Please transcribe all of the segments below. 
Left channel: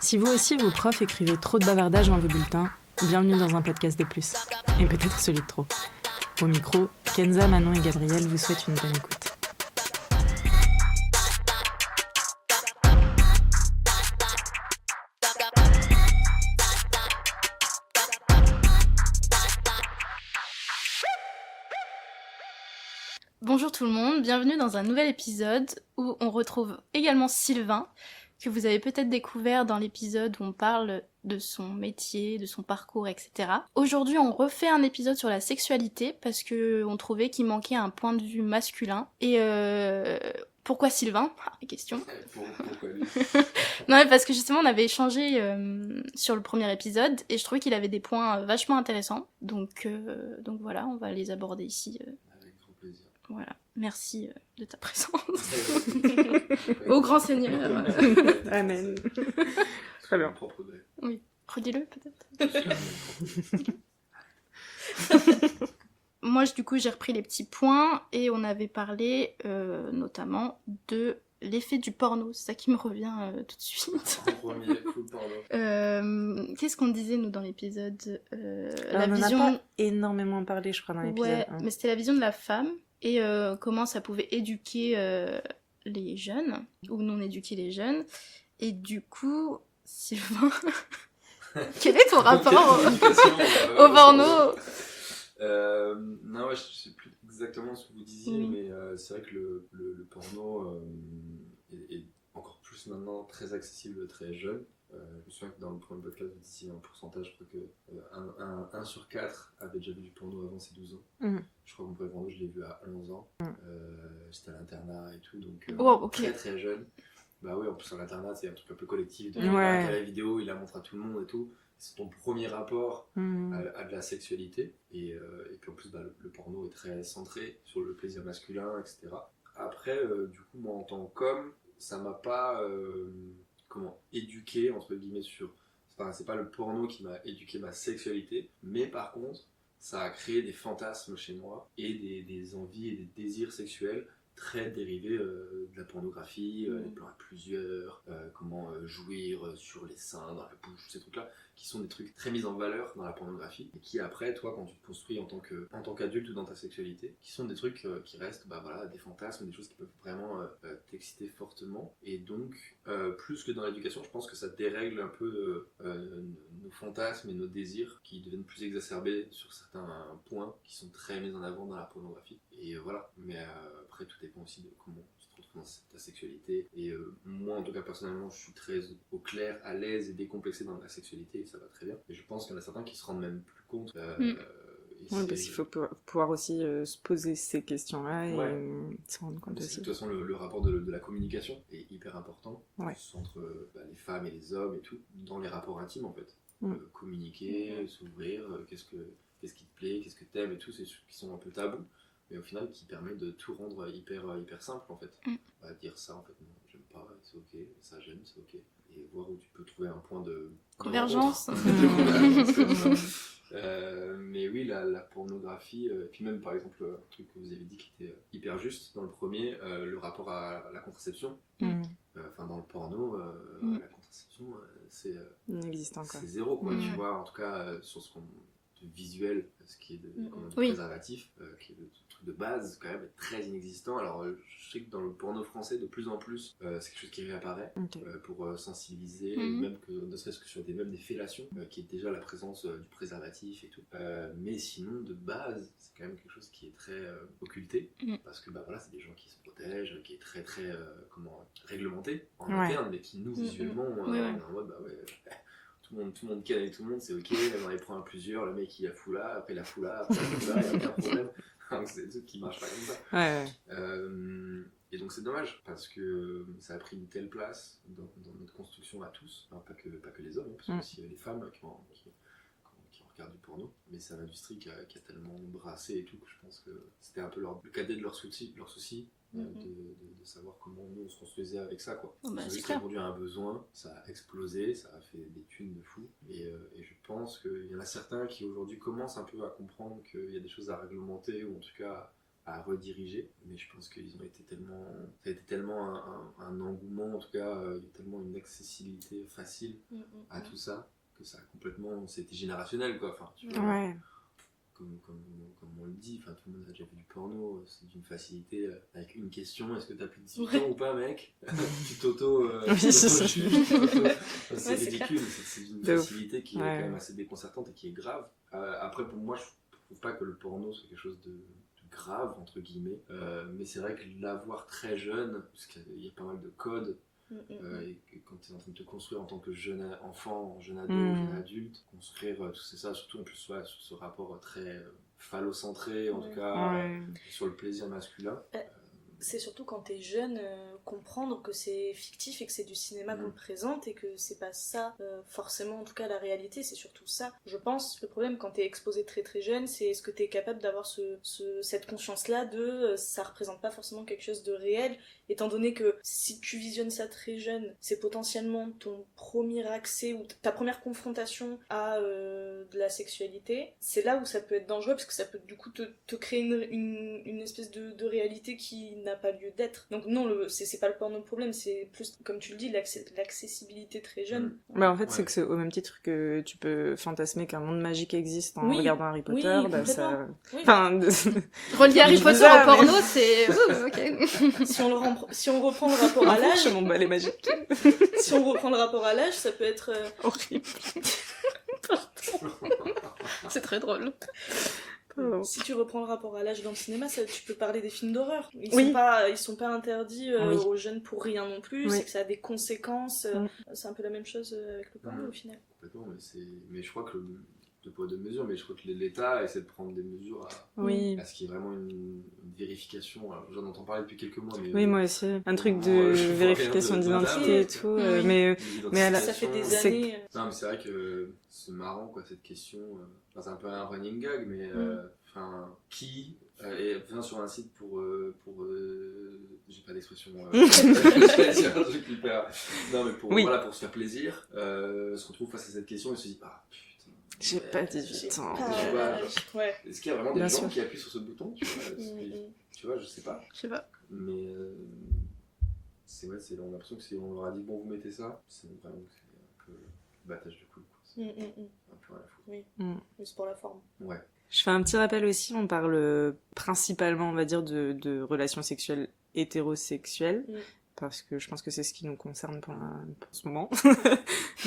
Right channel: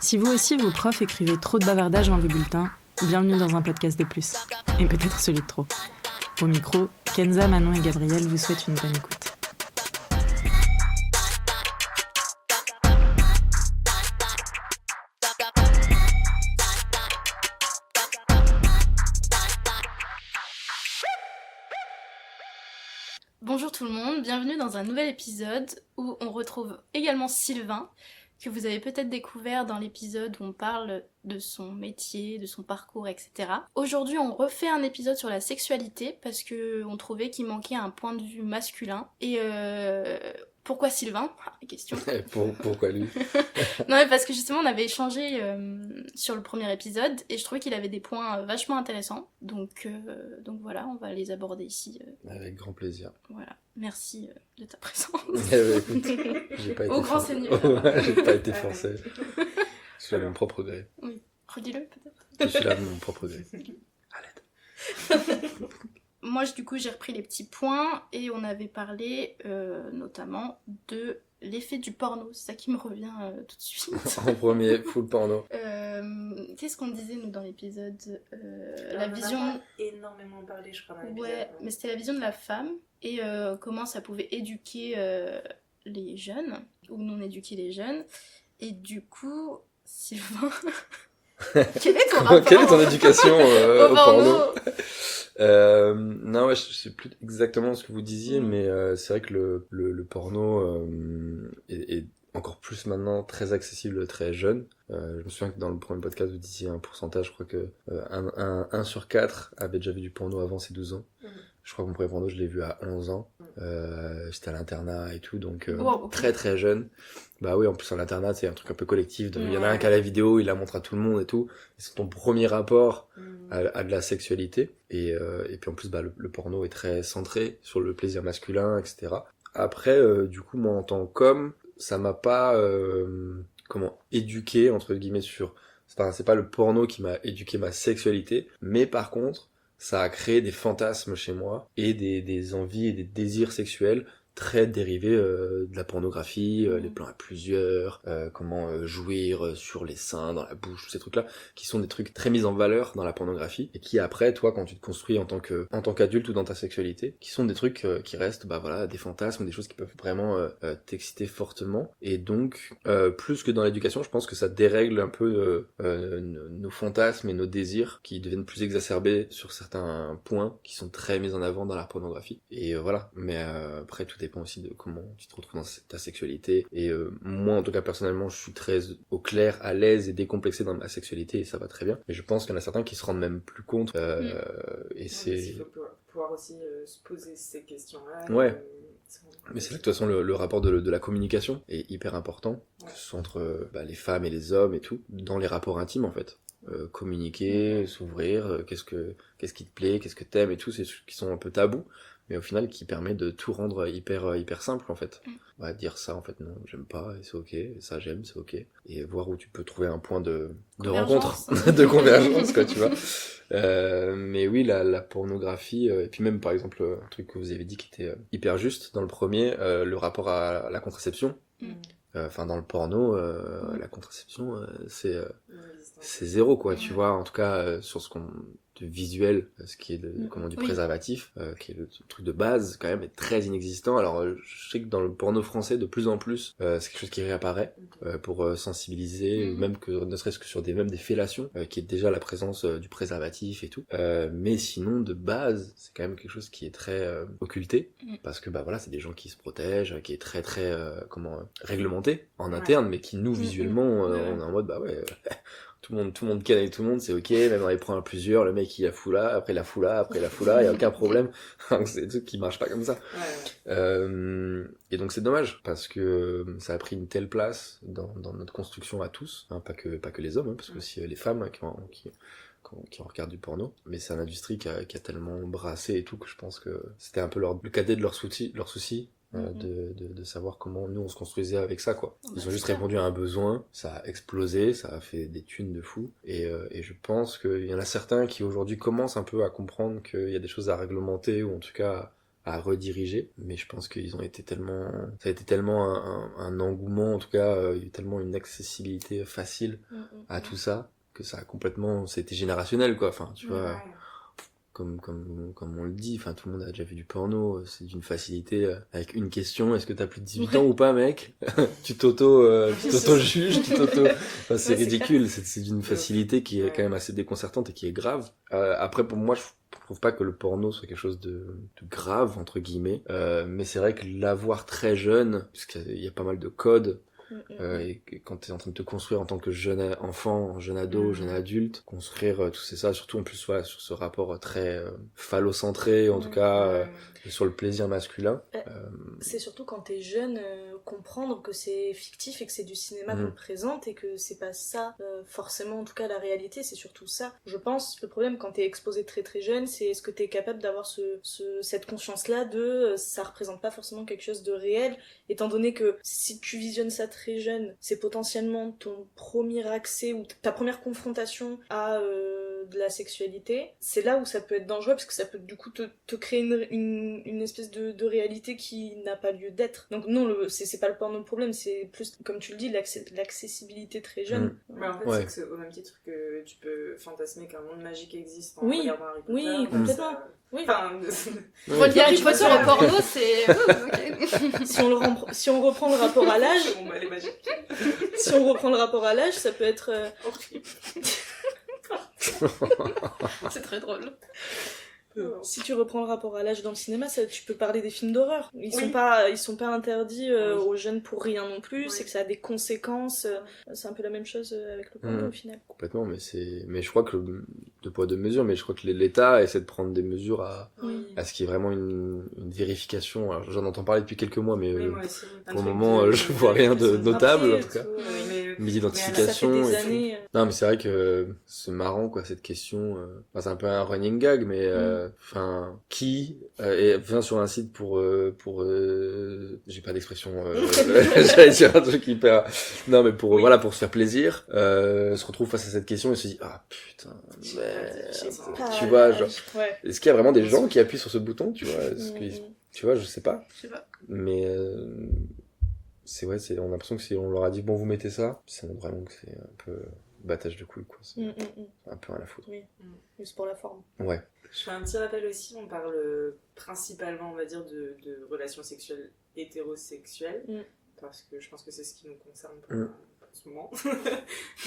Si vous aussi, vos profs écrivaient trop de bavardages dans vos bulletins, bienvenue dans un podcast de plus. Et peut-être celui de trop. Au micro, Kenza, Manon et Gabriel vous souhaitent une bonne écoute. Bonjour tout le monde, bienvenue dans un nouvel épisode où on retrouve également Sylvain, que vous avez peut-être découvert dans l'épisode où on parle de son métier, de son parcours, etc. Aujourd'hui, on refait un épisode sur la sexualité parce que on trouvait qu'il manquait un point de vue masculin. Et pourquoi Sylvain ? La question. Pourquoi lui ? Non mais parce que justement on avait échangé sur le premier épisode et je trouvais qu'il avait des points vachement intéressants. Donc voilà, on va les aborder ici. Avec grand plaisir. Voilà, merci de ta présence. J'ai pas été Au grand forcé. Seigneur. J'ai pas été Amen. forcé. C'est mon propre gré. Oui, redis-le peut-être. Je suis là de mon propre gré. Moi du coup j'ai repris les petits points et on avait parlé notamment de l'effet du porno, c'est ça qui me revient tout de suite. En premier, full porno. Qu'est-ce qu'on disait nous dans l'épisode La vision... On en a pas énormément parlé, je crois, dans l'épisode. Ouais, mais c'était la vision de la femme et comment ça pouvait éduquer les jeunes ou non éduquer les jeunes. Et du coup, Sylvain, quel est ton rapport Quelle est ton éducation au porno Non, ouais, je sais plus exactement ce que vous disiez, mais c'est vrai que le porno est encore plus maintenant très accessible très jeune. Je me souviens que dans le premier podcast, vous disiez un pourcentage, je crois que 1 sur 4 avait déjà vu du porno avant ses 12 ans. Je crois que mon premier porno, je l'ai vu à 11 ans. J'étais à l'internat et tout, donc okay. très très jeune. Bah oui, en plus en internat, c'est un truc un peu collectif. Il y en a un qui a la vidéo, il la montre à tout le monde et tout. C'est ton premier rapport à de la sexualité. Et puis en plus, bah, le porno est très centré sur le plaisir masculin, etc. Après, du coup, moi en tant qu'homme, ça m'a pas éduqué, entre guillemets, sur... C'est pas le porno qui m'a éduqué ma sexualité, mais par contre, ça a créé des fantasmes chez moi et des envies et des désirs sexuels très dérivés de la pornographie, les plans à plusieurs, comment jouir sur les seins, dans la bouche, tous ces trucs-là, qui sont des trucs très mis en valeur dans la pornographie, et qui après, toi, quand tu te construis en tant qu'adulte ou dans ta sexualité, qui sont des trucs qui restent, bah voilà, des fantasmes, des choses qui peuvent vraiment t'exciter fortement, et donc, plus que dans l'éducation, je pense que ça dérègle un peu nos fantasmes et nos désirs, qui deviennent plus exacerbés sur certains points, qui sont très mis en avant dans la pornographie, et voilà, mais après, tout dépend aussi de comment tu te retrouves dans ta sexualité, et moi en tout cas personnellement je suis très au clair, à l'aise et décomplexé dans ma sexualité et ça va très bien, mais je pense qu'il y en a certains qui se rendent même plus compte et c'est... Parce qu'il faut pouvoir aussi se poser ces questions-là ouais. et se rendre compte. Mais c'est vrai que de toute façon le rapport de la communication est hyper important, que ce soit entre les femmes et les hommes et tout, dans les rapports intimes en fait. Communiquer, s'ouvrir, qu'est-ce qui te plaît, qu'est-ce que t'aimes et tout, c'est des trucs qui sont un peu tabous, mais au final qui permet de tout rendre hyper simple en fait. Dire ça en fait non, j'aime pas et c'est ok, et ça j'aime, c'est ok, et voir où tu peux trouver un point de rencontre, de convergence quoi, tu vois. Mais oui, la pornographie, et puis même par exemple un truc que vous avez dit qui était hyper juste dans le premier, le rapport à la contraception. Enfin dans le porno, la contraception c'est zéro quoi, tu vois, en tout cas sur ce qu'on... de visuel, ce qui est du préservatif, qui est le truc de base quand même, est très inexistant. Alors je sais que dans le porno français de plus en plus c'est quelque chose qui réapparaît pour sensibiliser, même que ne serait-ce que sur même des fellations, qui est déjà la présence du préservatif et tout, mais sinon de base c'est quand même quelque chose qui est très occulté, parce que bah voilà, c'est des gens qui se protègent, qui est très très réglementé en interne, mais qui nous visuellement on est en mode bah ouais tout le monde ken avec tout le monde, c'est ok, même on les prend à plusieurs, le mec il la fout là, après il la fout là, après il la fout là, il n'y a aucun problème. C'est des trucs qui marchent pas comme ça. Et donc c'est dommage, parce que ça a pris une telle place dans notre construction à tous, hein, pas que les hommes, hein, parce que aussi les femmes qui en regardent du porno, mais c'est une industrie qui a tellement brassé et tout, que je pense que c'était un peu le cadet de leur souci. De savoir comment nous on se construisait avec ça quoi. Ils ont juste répondu à un besoin, ça a explosé, ça a fait des thunes de fou, et je pense qu'il y en a certains qui aujourd'hui commencent un peu à comprendre qu'il y a des choses à réglementer, ou en tout cas à rediriger, mais je pense qu'ils ont été tellement... Ça a été tellement un engouement, en tout cas, il y a eu tellement une accessibilité facile à tout ça, que ça a complètement... C'était générationnel, quoi, enfin, tu vois... Ouais. Comme on le dit, enfin tout le monde a déjà vu du porno, c'est d'une facilité avec une question, est-ce que t'as plus de 18 ans ou pas mec? Tu t'auto-juges, enfin, c'est ridicule, c'est d'une facilité qui est quand même assez déconcertante et qui est grave. Après pour moi je trouve pas que le porno soit quelque chose de grave entre guillemets, mais c'est vrai que l'avoir très jeune, parce qu'il y a pas mal de codes, et quand tu es en train de te construire en tant que jeune enfant, jeune ado, jeune adulte, construire tout ça, surtout en plus sur ce rapport très phallocentré, en tout cas sur le plaisir masculin. C'est surtout quand t'es jeune, comprendre que c'est fictif et que c'est du cinéma qu'on te présente et que c'est pas ça forcément, en tout cas la réalité, c'est surtout ça. Je pense le problème quand t'es exposé très très jeune, c'est est-ce que t'es capable d'avoir cette conscience-là de ça représente pas forcément quelque chose de réel, étant donné que si tu visionnes ça très jeune, c'est potentiellement ton premier accès ou ta première confrontation à de la sexualité. C'est là où ça peut être dangereux parce que ça peut du coup te créer une espèce de réalité qui n'a pas lieu d'être. Donc non, c'est pas le porno le problème, c'est plus, comme tu le dis, l'accessibilité très jeune. Bah en fait, c'est que c'est au même titre que tu peux fantasmer qu'un monde magique existe en Oui. regardant Harry Potter. Oui, bah, complètement. ça... Oui. Enfin, Relier Harry Potter au porno, c'est... ok. Si on reprend le rapport à l'âge... mon balai magique. Si on reprend le rapport à l'âge, ça peut être... Horrible. C'est très drôle. Si tu reprends le rapport à l'âge dans le cinéma, tu peux parler des films d'horreur. Ils sont pas interdits aux jeunes pour rien non plus. C'est que ça a des conséquences. C'est un peu la même chose avec le porno au final. Complètement, mais je crois que de poids de mesure, mais je crois que l'État essaie de prendre des mesures à ce qui est vraiment une vérification. Alors, j'en entends parler depuis quelques mois, mais moi aussi. Un pour truc le moment, je vois rien de notable. En tout cas. Mais l'identification. Ça fait des années. Non, mais c'est vrai que c'est marrant, quoi, cette question. Enfin, c'est un peu un running gag, mais enfin, qui vient sur un site pour j'ai pas d'expression. J'allais dire un truc hyper. Non, mais pour se faire plaisir, se retrouve face à cette question et se dit ah putain. J'ai pas 18 ans. Tu vois, genre. Est-ce qu'il y a vraiment des Bien gens sûr. qui appuient sur ce bouton, tu vois? Tu vois, je sais pas. Je sais pas. Mais on a l'impression que si on leur a dit bon vous mettez ça, ça montre vraiment que c'est un peu battage de couilles, quoi. C'est un peu à la foutre. Oui, juste pour la forme. Ouais. Je fais un petit rappel aussi, on parle principalement, on va dire, de relations sexuelles hétérosexuelles, parce que je pense que c'est ce qui nous concerne pour ce moment.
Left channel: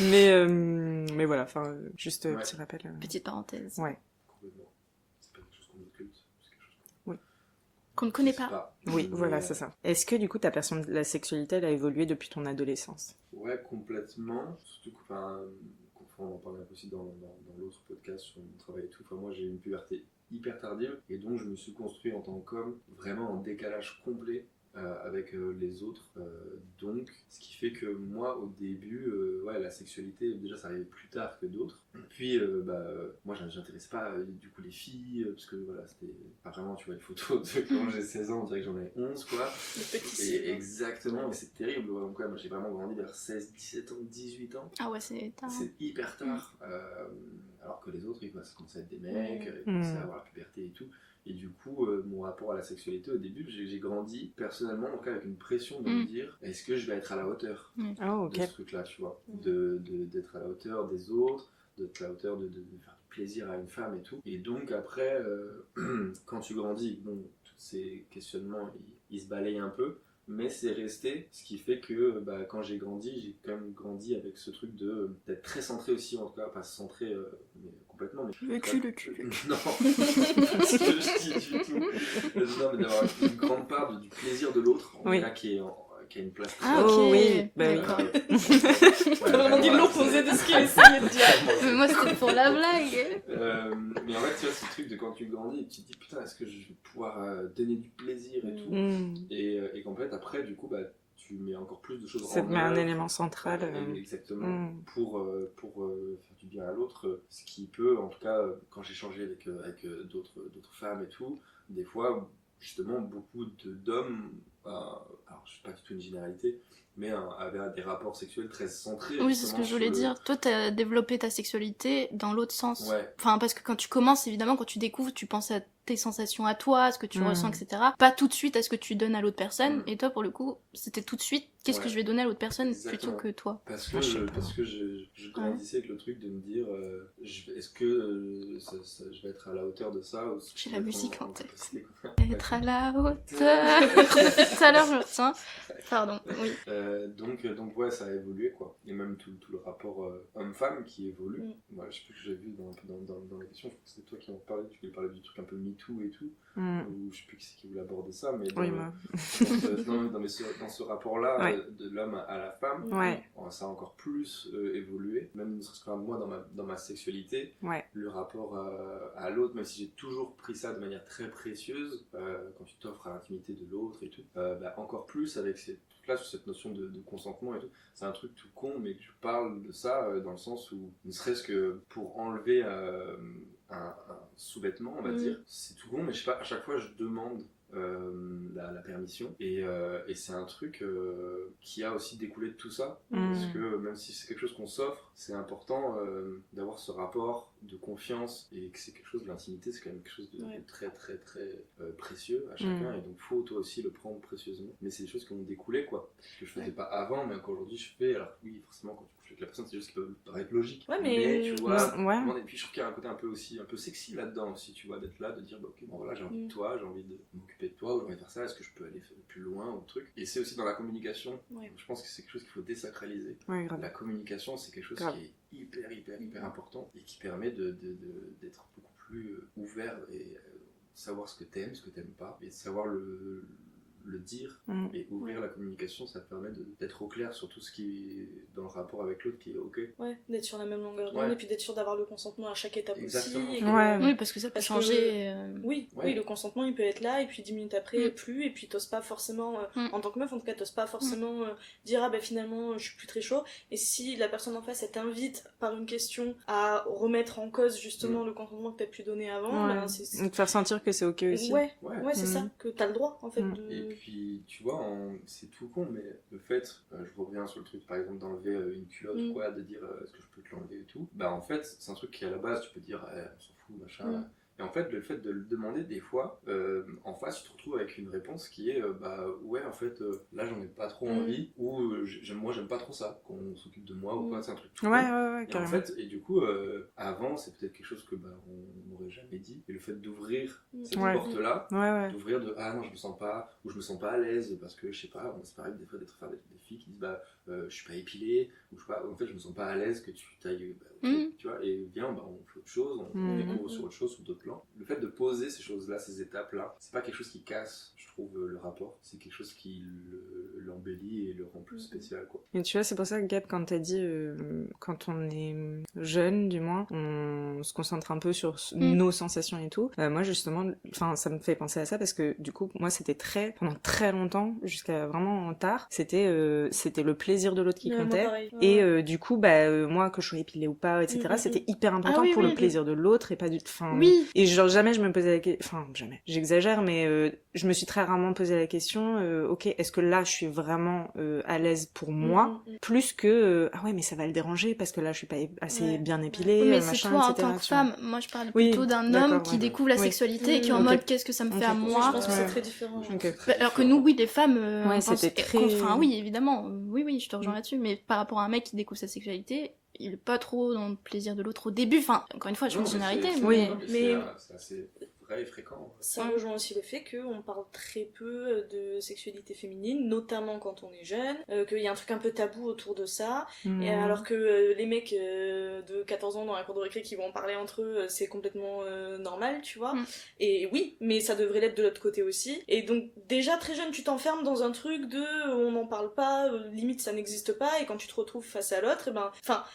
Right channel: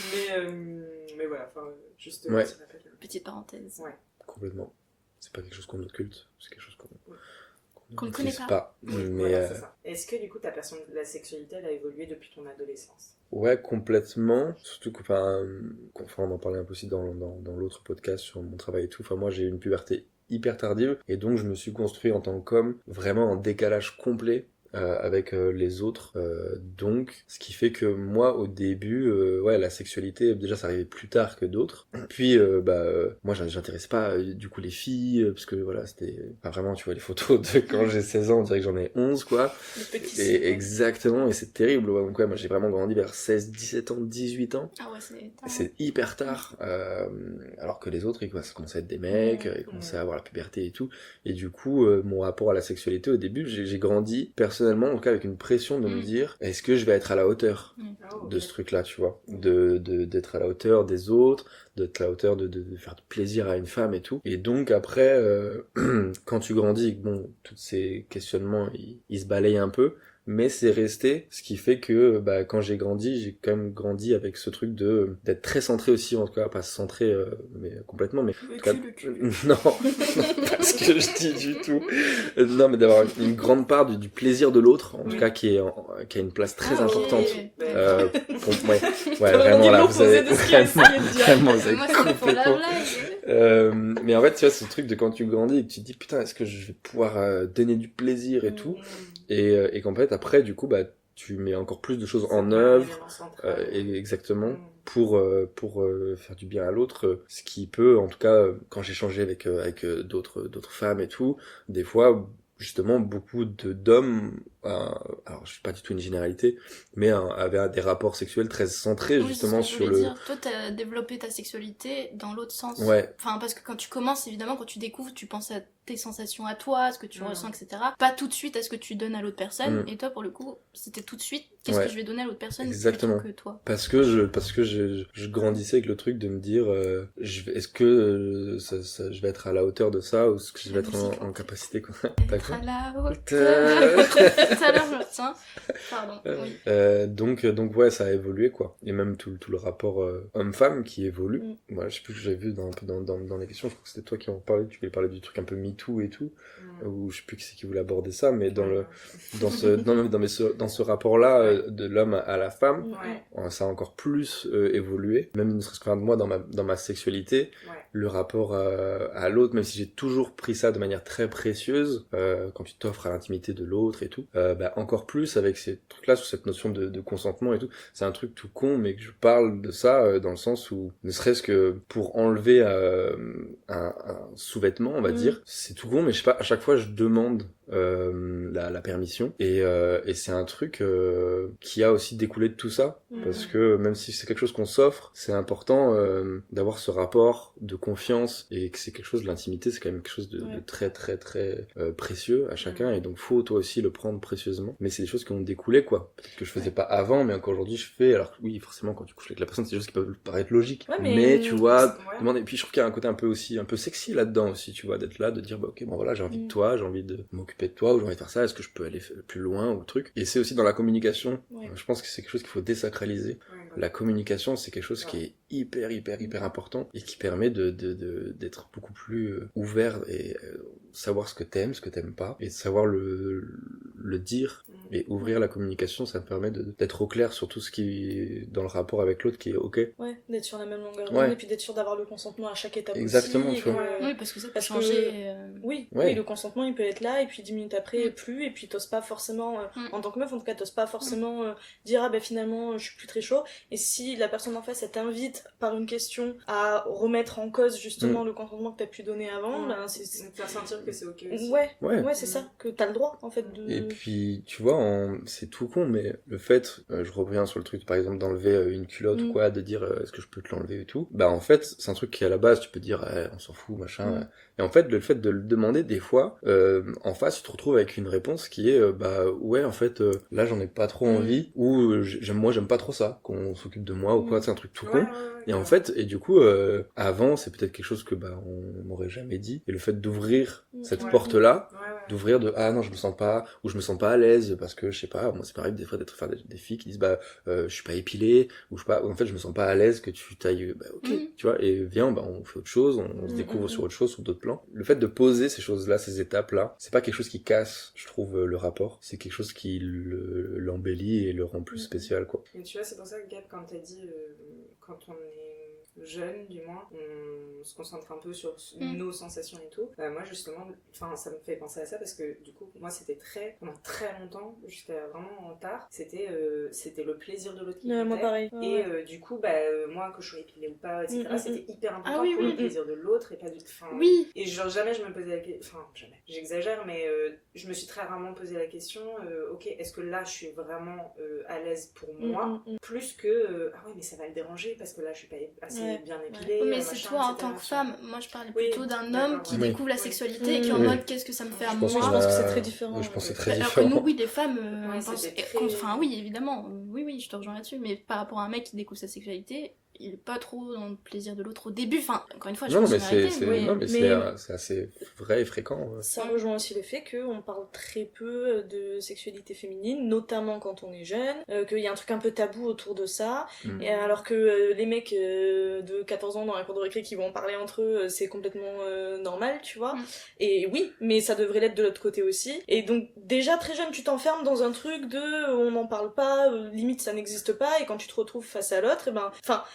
mais voilà, enfin, juste petit rappel. Petite parenthèse. Ouais. Complètement. C'est pas quelque chose qu'on occulte, c'est quelque chose qu'on ne connaît pas. Oui, voilà, c'est ça. Est-ce que du coup ta perception de la sexualité elle a évolué depuis ton adolescence? Ouais, complètement. Surtout que, on en parlait un peu aussi dans l'autre podcast sur mon travail et tout. Enfin, moi j'ai eu une puberté hyper tardive et donc je me suis construit en tant qu'homme vraiment en décalage complet avec les autres, donc ce qui fait que moi au début la sexualité déjà ça arrivait plus tard que d'autres, puis moi j'intéresse pas du coup les filles parce que voilà c'était vraiment, tu vois les photos de quand j'ai 16 ans on dirait que j'en ai 11 quoi, Le petit et exactement, et c'est terrible, ouais. Donc moi j'ai vraiment grandi vers 16, 17 ans, 18 ans. Ah ouais, c'est tard. C'est hyper tard, alors que les autres, ça commençait à être des mecs, ils commençaient à avoir la puberté et tout. Et du coup, mon rapport à la sexualité, au début, j'ai grandi, personnellement, en tout cas avec une pression de me dire, est-ce que je vais être à la hauteur de ce truc-là, tu vois, d'être à la hauteur des autres, d'être à la hauteur de faire du plaisir à une femme et tout. Et donc après, quand tu grandis, bon, tous ces questionnements, ils se balayent un peu. Mais c'est resté, ce qui fait que quand j'ai grandi, j'ai quand même grandi avec ce truc d'être très centré aussi, en tout cas pas centré mais complètement, mais le cul. Non, pas ce que je dis du tout. Non, mais d'avoir une grande part du plaisir de l'autre, en tout cas qui a une place très importante. T'as vraiment dit l'opposé de ce qu'il a essayé de dire. Moi c'était pour la blague. Mais en fait, tu vois, ce truc de quand tu grandis et que tu te dis putain, est-ce que je vais pouvoir donner du plaisir et tout, et qu'en fait après du coup tu mets encore plus de choses en œuvre, un élément central, exactement, pour faire du bien à l'autre, ce qui peut, en tout cas quand j'ai échangé avec d'autres femmes et tout, des fois justement beaucoup d'hommes, alors je suis pas du tout une généralité, mais avaient des rapports sexuels très centrés justement sur le... Oui, c'est ce que je voulais dire. Toi, t'as développé ta sexualité dans l'autre sens. Ouais. Enfin, parce que quand tu commences, évidemment, quand tu découvres, tu penses à tes sensations à toi, ce que tu ressens, etc. Pas tout de suite à ce que tu donnes à l'autre personne. Et toi, pour le coup, c'était tout de suite, qu'est-ce que je vais donner à l'autre personne plutôt que toi. Parce que je grandissais avec le truc de me dire, est-ce que je vais être à la hauteur de ça, ou est-ce que je vais être en capacité, quoi. Être à la hauteur. Tout à l'heure, je me retiens. Pardon, oui. Donc ouais, ça a évolué, quoi. Et même tout le rapport homme-femme qui évolue. Moi, je sais plus que j'avais vu dans les questions, je crois que c'était toi qui en parlais, tu voulais parler du truc un peu MeToo et tout, ou je sais plus qui c'est qui voulait aborder ça, mais dans ce rapport-là, de l'homme à la femme, ça a encore plus évolué, même ne serait-ce que moi dans ma sexualité, le rapport à l'autre, même si j'ai toujours pris ça de manière très précieuse, quand tu t'offres à l'intimité de l'autre et tout, encore plus avec ces trucs-là, sur cette notion de consentement et tout. C'est un truc tout con, mais que je parle de ça dans le sens où, ne serait-ce que pour enlever un sous-vêtement, on va dire, c'est tout con, mais je sais pas, à chaque fois je demande la permission, et c'est un truc qui a aussi découlé de tout ça, parce que même si c'est quelque chose qu'on s'offre, c'est important d'avoir ce rapport de confiance, et que c'est quelque chose de l'intimité, c'est quand même quelque chose de très très très précieux à chacun, et donc faut toi aussi le prendre précieusement, mais c'est des choses qui ont découlé, quoi, peut-être que je faisais pas avant, mais encore aujourd'hui je fais. Alors oui, forcément quand tu couches avec la personne, c'est des choses qui peuvent paraître logiques, mais tu vois, et puis je trouve qu'il y a un côté un peu sexy là-dedans aussi, tu vois, d'être là, de dire ok, bon voilà, j'ai envie de toi, j'ai envie de m'occuper de toi, ou j'ai envie de faire ça, est-ce que je peux aller plus loin, ou le truc. Et c'est aussi dans la communication, je pense que c'est quelque chose qu'il faut désacraliser. La communication, c'est quelque chose qui est hyper important, et qui permet d'être beaucoup plus ouvert, et savoir ce que t'aimes pas, et savoir le dire, et ouvrir la communication, ça te permet d'être au clair sur tout ce qui est dans le rapport avec l'autre, qui est ok. D'être sur la même longueur d'onde, et puis d'être sûr d'avoir le consentement à chaque étape Exactement, aussi. Oui, parce que ça peut changer. Oui, le consentement il peut être là, et puis 10 minutes après plus, et puis t'oses pas forcément, en tant que meuf en tout cas, t'oses pas forcément dire finalement je suis plus très chaud, et si la personne en face elle t'invite par une question à remettre en cause justement le consentement que t'as pu donner avant, c'est te faire sentir que c'est ok aussi. C'est ça, que t'as le droit en fait de... Et puis tu vois, c'est tout con, mais le fait, je reviens sur le truc par exemple d'enlever une culotte ou quoi, de dire est-ce que je peux te l'enlever et tout, en fait c'est un truc qui à la base tu peux dire on s'en fout machin, et en fait le fait de le demander, des fois en face tu te retrouves avec une réponse qui est ouais en fait là j'en ai pas trop envie, ou j'aime pas trop ça qu'on s'occupe de moi ou quoi, c'est un truc tout con. Et en fait, et du coup avant c'est peut-être quelque chose que on m'aurait jamais dit, et le fait d'ouvrir cette porte là, d'ouvrir de ah non je me sens pas, ou je me sens pas à l'aise parce que je sais pas, moi c'est pareil des fois faire des filles qui disent je suis pas épilée, ou je sais pas, en fait je me sens pas à l'aise que tu tailles, ok, tu vois, et viens on fait autre chose, on se découvre sur autre chose, sur d'autres plans. Le fait de poser ces choses là, ces étapes là, c'est pas quelque chose qui casse, je trouve, le rapport, c'est quelque chose qui l'embellit et le rend plus spécial, quoi. Et tu vois, c'est pour ça que Gab, quand t'as dit quand on est jeune du moins, on se concentre un peu sur nos sensations et tout, moi justement, ça me fait penser à ça, parce que du coup moi c'était pendant très longtemps, jusqu'à vraiment tard, c'était le plaisir de l'autre qui comptait, moi pareil. Et du coup moi que je sois épilée ou pas, etc., c'était hyper important pour le plaisir de l'autre, et pas du et genre jamais je me posais la question, jamais, j'exagère, mais je me suis très rarement posé la question ok, est-ce que là je suis vraiment à l'aise pour moi, plus que ah ouais mais ça va le déranger parce que là je suis pas assez bien épilée, mais machin, c'est toi en etc., tant que femme, moi je parle plutôt d'un homme qui découvre la sexualité et qui est en mode qu'est-ce que ça me fait à moi. Je pense que c'est très différent. Alors que nous, les femmes, c'était très... Enfin oui, évidemment, oui, je te rejoins là-dessus, mais par rapport à un mec qui découvre sa sexualité, il est pas trop dans le plaisir de l'autre au début, encore une fois je pense généralité, mais c'est assez vrai et fréquent. Ça rejoint aussi le fait qu'on parle très peu de sexualité féminine, notamment quand on est jeune, qu'il y a un truc un peu tabou autour de ça, et alors que les mecs de 14 ans dans la cour de récré qui vont en parler entre eux, c'est complètement normal, tu vois, et oui, mais ça devrait l'être de l'autre côté aussi, et donc déjà très jeune tu t'enfermes dans un truc de on n'en parle pas, limite ça n'existe pas, et quand tu te retrouves face à l'autre,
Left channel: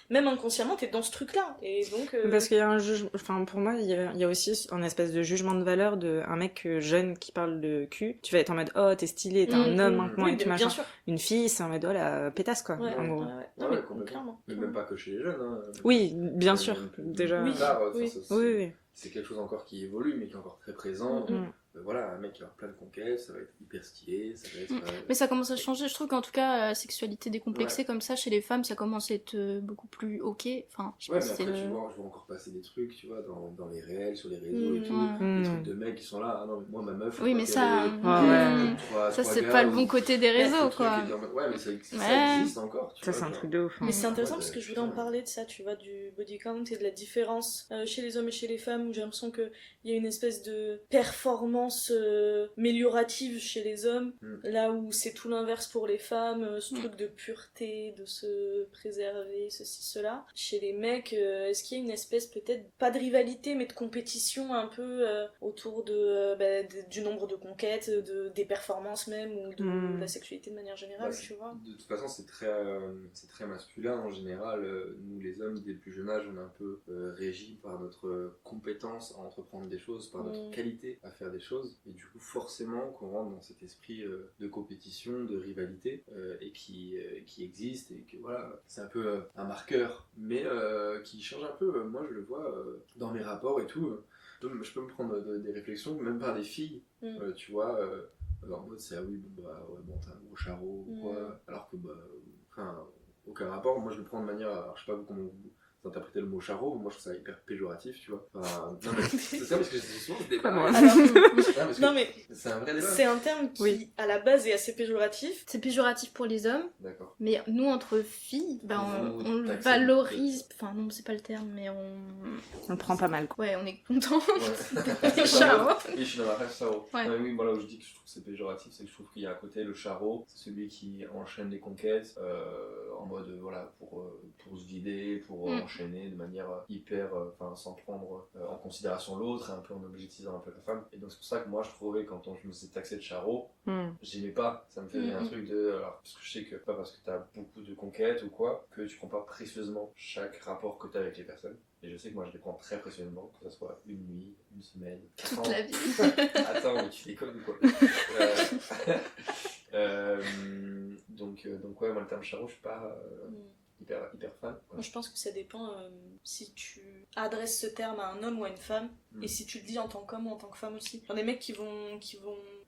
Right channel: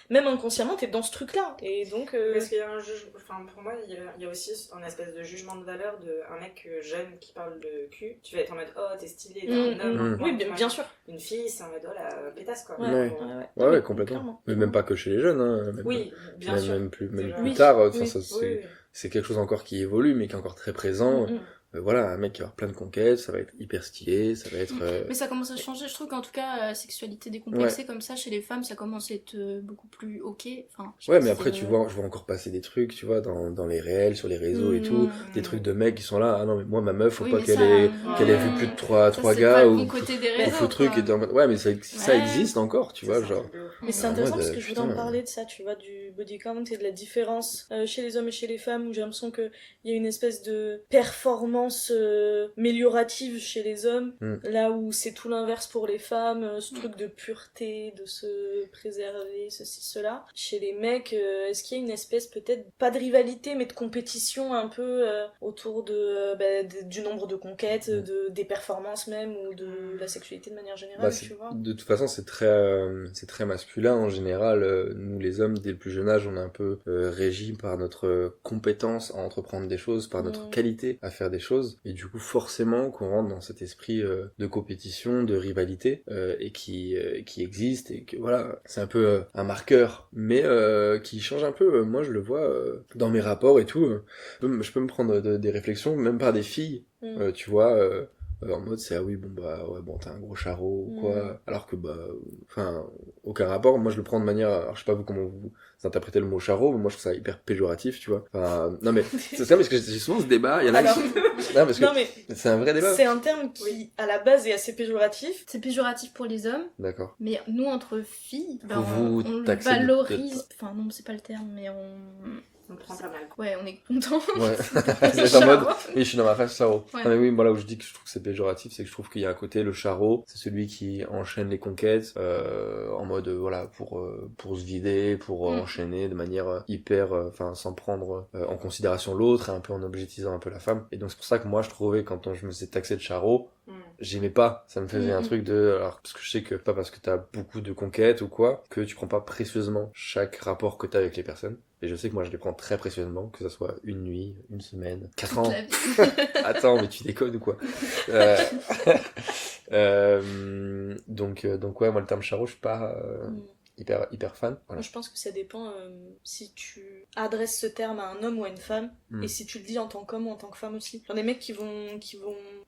même inconsciemment t'es dans ce truc là, et donc parce qu'il y a un jugement, pour moi il y a aussi un espèce de jugement de valeur de un mec jeune qui parle de cul, tu vas être en mode oh t'es stylé, t'es un homme, oui bien sûr, une fille c'est en mode oh la pétasse quoi, ouais, complètement, mais même pas que chez les jeunes, même bien sûr, même plus déjà plus tard, c'est quelque chose encore qui évolue mais qui est encore très présent. voilà, un mec qui va avoir plein de conquêtes, ça va être hyper stylé, ça va être... Mais ça commence à changer, je trouve qu'en tout cas, la sexualité décomplexée comme ça, chez les femmes, ça commence à être beaucoup plus ok. Enfin, ouais, mais après, je vois encore passer des trucs, tu vois, dans les réels, sur les réseaux et tout, des trucs de mecs qui sont là, ah non, mais moi, ma meuf, faut pas qu'elle ait vu plus de 3 ça, gars. c'est pas le bon côté des réseaux, truc ouais, mais ça existe encore, tu vois, genre... Mais c'est intéressant parce que je voulais en parler de ça, tu vois, du body count et de la différence chez les hommes et chez les femmes, où j'ai l'impression qu'il y a une espèce de performance améliorative chez les hommes, là où c'est tout l'inverse pour les femmes, ce truc de pureté, de se préserver, ceci, cela. Chez les mecs, est-ce qu'il y a une espèce peut-être, pas de rivalité, mais de compétition un peu autour du nombre de conquêtes, des performances même, ou de la sexualité de manière générale, tu vois. De toute façon, c'est très masculin en général. Nous, les hommes, dès le plus jeune âge, on est un peu régis par notre compétence à entreprendre des choses, par notre qualité à faire des choses. Et du coup, forcément, qu'on rentre dans cet esprit de compétition, de rivalité, et qui existe, et que voilà, c'est un peu un marqueur, mais qui change un peu. Moi, je le vois dans mes rapports et tout. Je peux me prendre des réflexions, même par des filles, tu vois. En mode c'est ah oui bon t'as un gros charreau ou quoi, alors que enfin aucun rapport. Moi je le prends de manière, alors je sais pas vous comment vous interprétez le mot charreau, mais moi je trouve ça hyper péjoratif, tu vois. Enfin, non mais c'est ça, parce que j'ai souvent ce débat. Non mais c'est un vrai débat. C'est un terme qui à la base est assez péjoratif. C'est péjoratif pour les hommes. D'accord. Mais nous entre filles, on le valorise. Enfin non, c'est pas le terme, mais on le prend pas mal. Ouais, on est content. Ouais. Et je suis dans ma phase charreau. Ouais. Non, mais oui, voilà où je dis que je trouve que c'est péjoratif, c'est que je trouve qu'il y a un côté, le charreau, c'est celui qui enchaîne les conquêtes en mode voilà pour se vider, pour enchaîner de manière hyper, enfin sans prendre en considération l'autre, et un peu en objectisant un peu la femme. Et donc c'est pour ça que moi je trouvais, quand je me suis taxé de charreau, j'aimais pas. Ça me faisait un truc de, alors parce que je sais que pas parce que t'as beaucoup de conquêtes ou quoi que tu prends pas précieusement chaque rapport que t'as avec les personnes. Et je sais que moi je les prends très précieusement, que ça soit une nuit, une semaine, 4 ans. Toute la vie. Attends, mais tu déconnes ou quoi? Donc ouais, moi le terme charreau, je suis pas hyper fan. Voilà. Moi, je pense que ça dépend si tu adresses ce terme à un homme ou à une femme, et si tu le dis en tant qu'homme ou en tant que femme aussi. Genre des mecs qui vont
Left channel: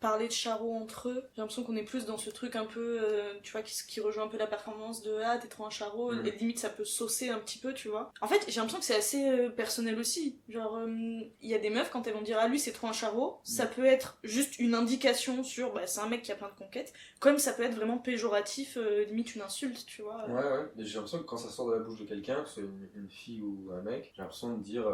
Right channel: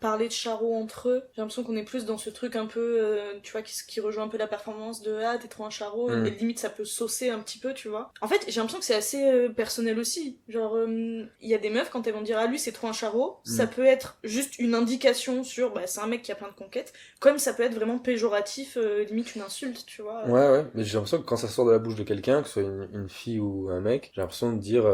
parler de charreau entre eux, j'ai l'impression qu'on est plus dans ce truc un peu, tu vois, qui rejoint un peu la performance de ah t'es trop un charreau, et limite ça peut saucer un petit peu, tu vois. En fait j'ai l'impression que c'est assez personnel aussi, genre il y a des meufs quand elles vont dire ah lui c'est trop un charreau, ça peut être juste une indication sur c'est un mec qui a plein de conquêtes, comme ça peut être vraiment péjoratif, limite une insulte, tu vois. Ouais, mais j'ai l'impression que quand ça sort de la bouche de quelqu'un, que ce soit une fille ou un mec, j'ai l'impression de dire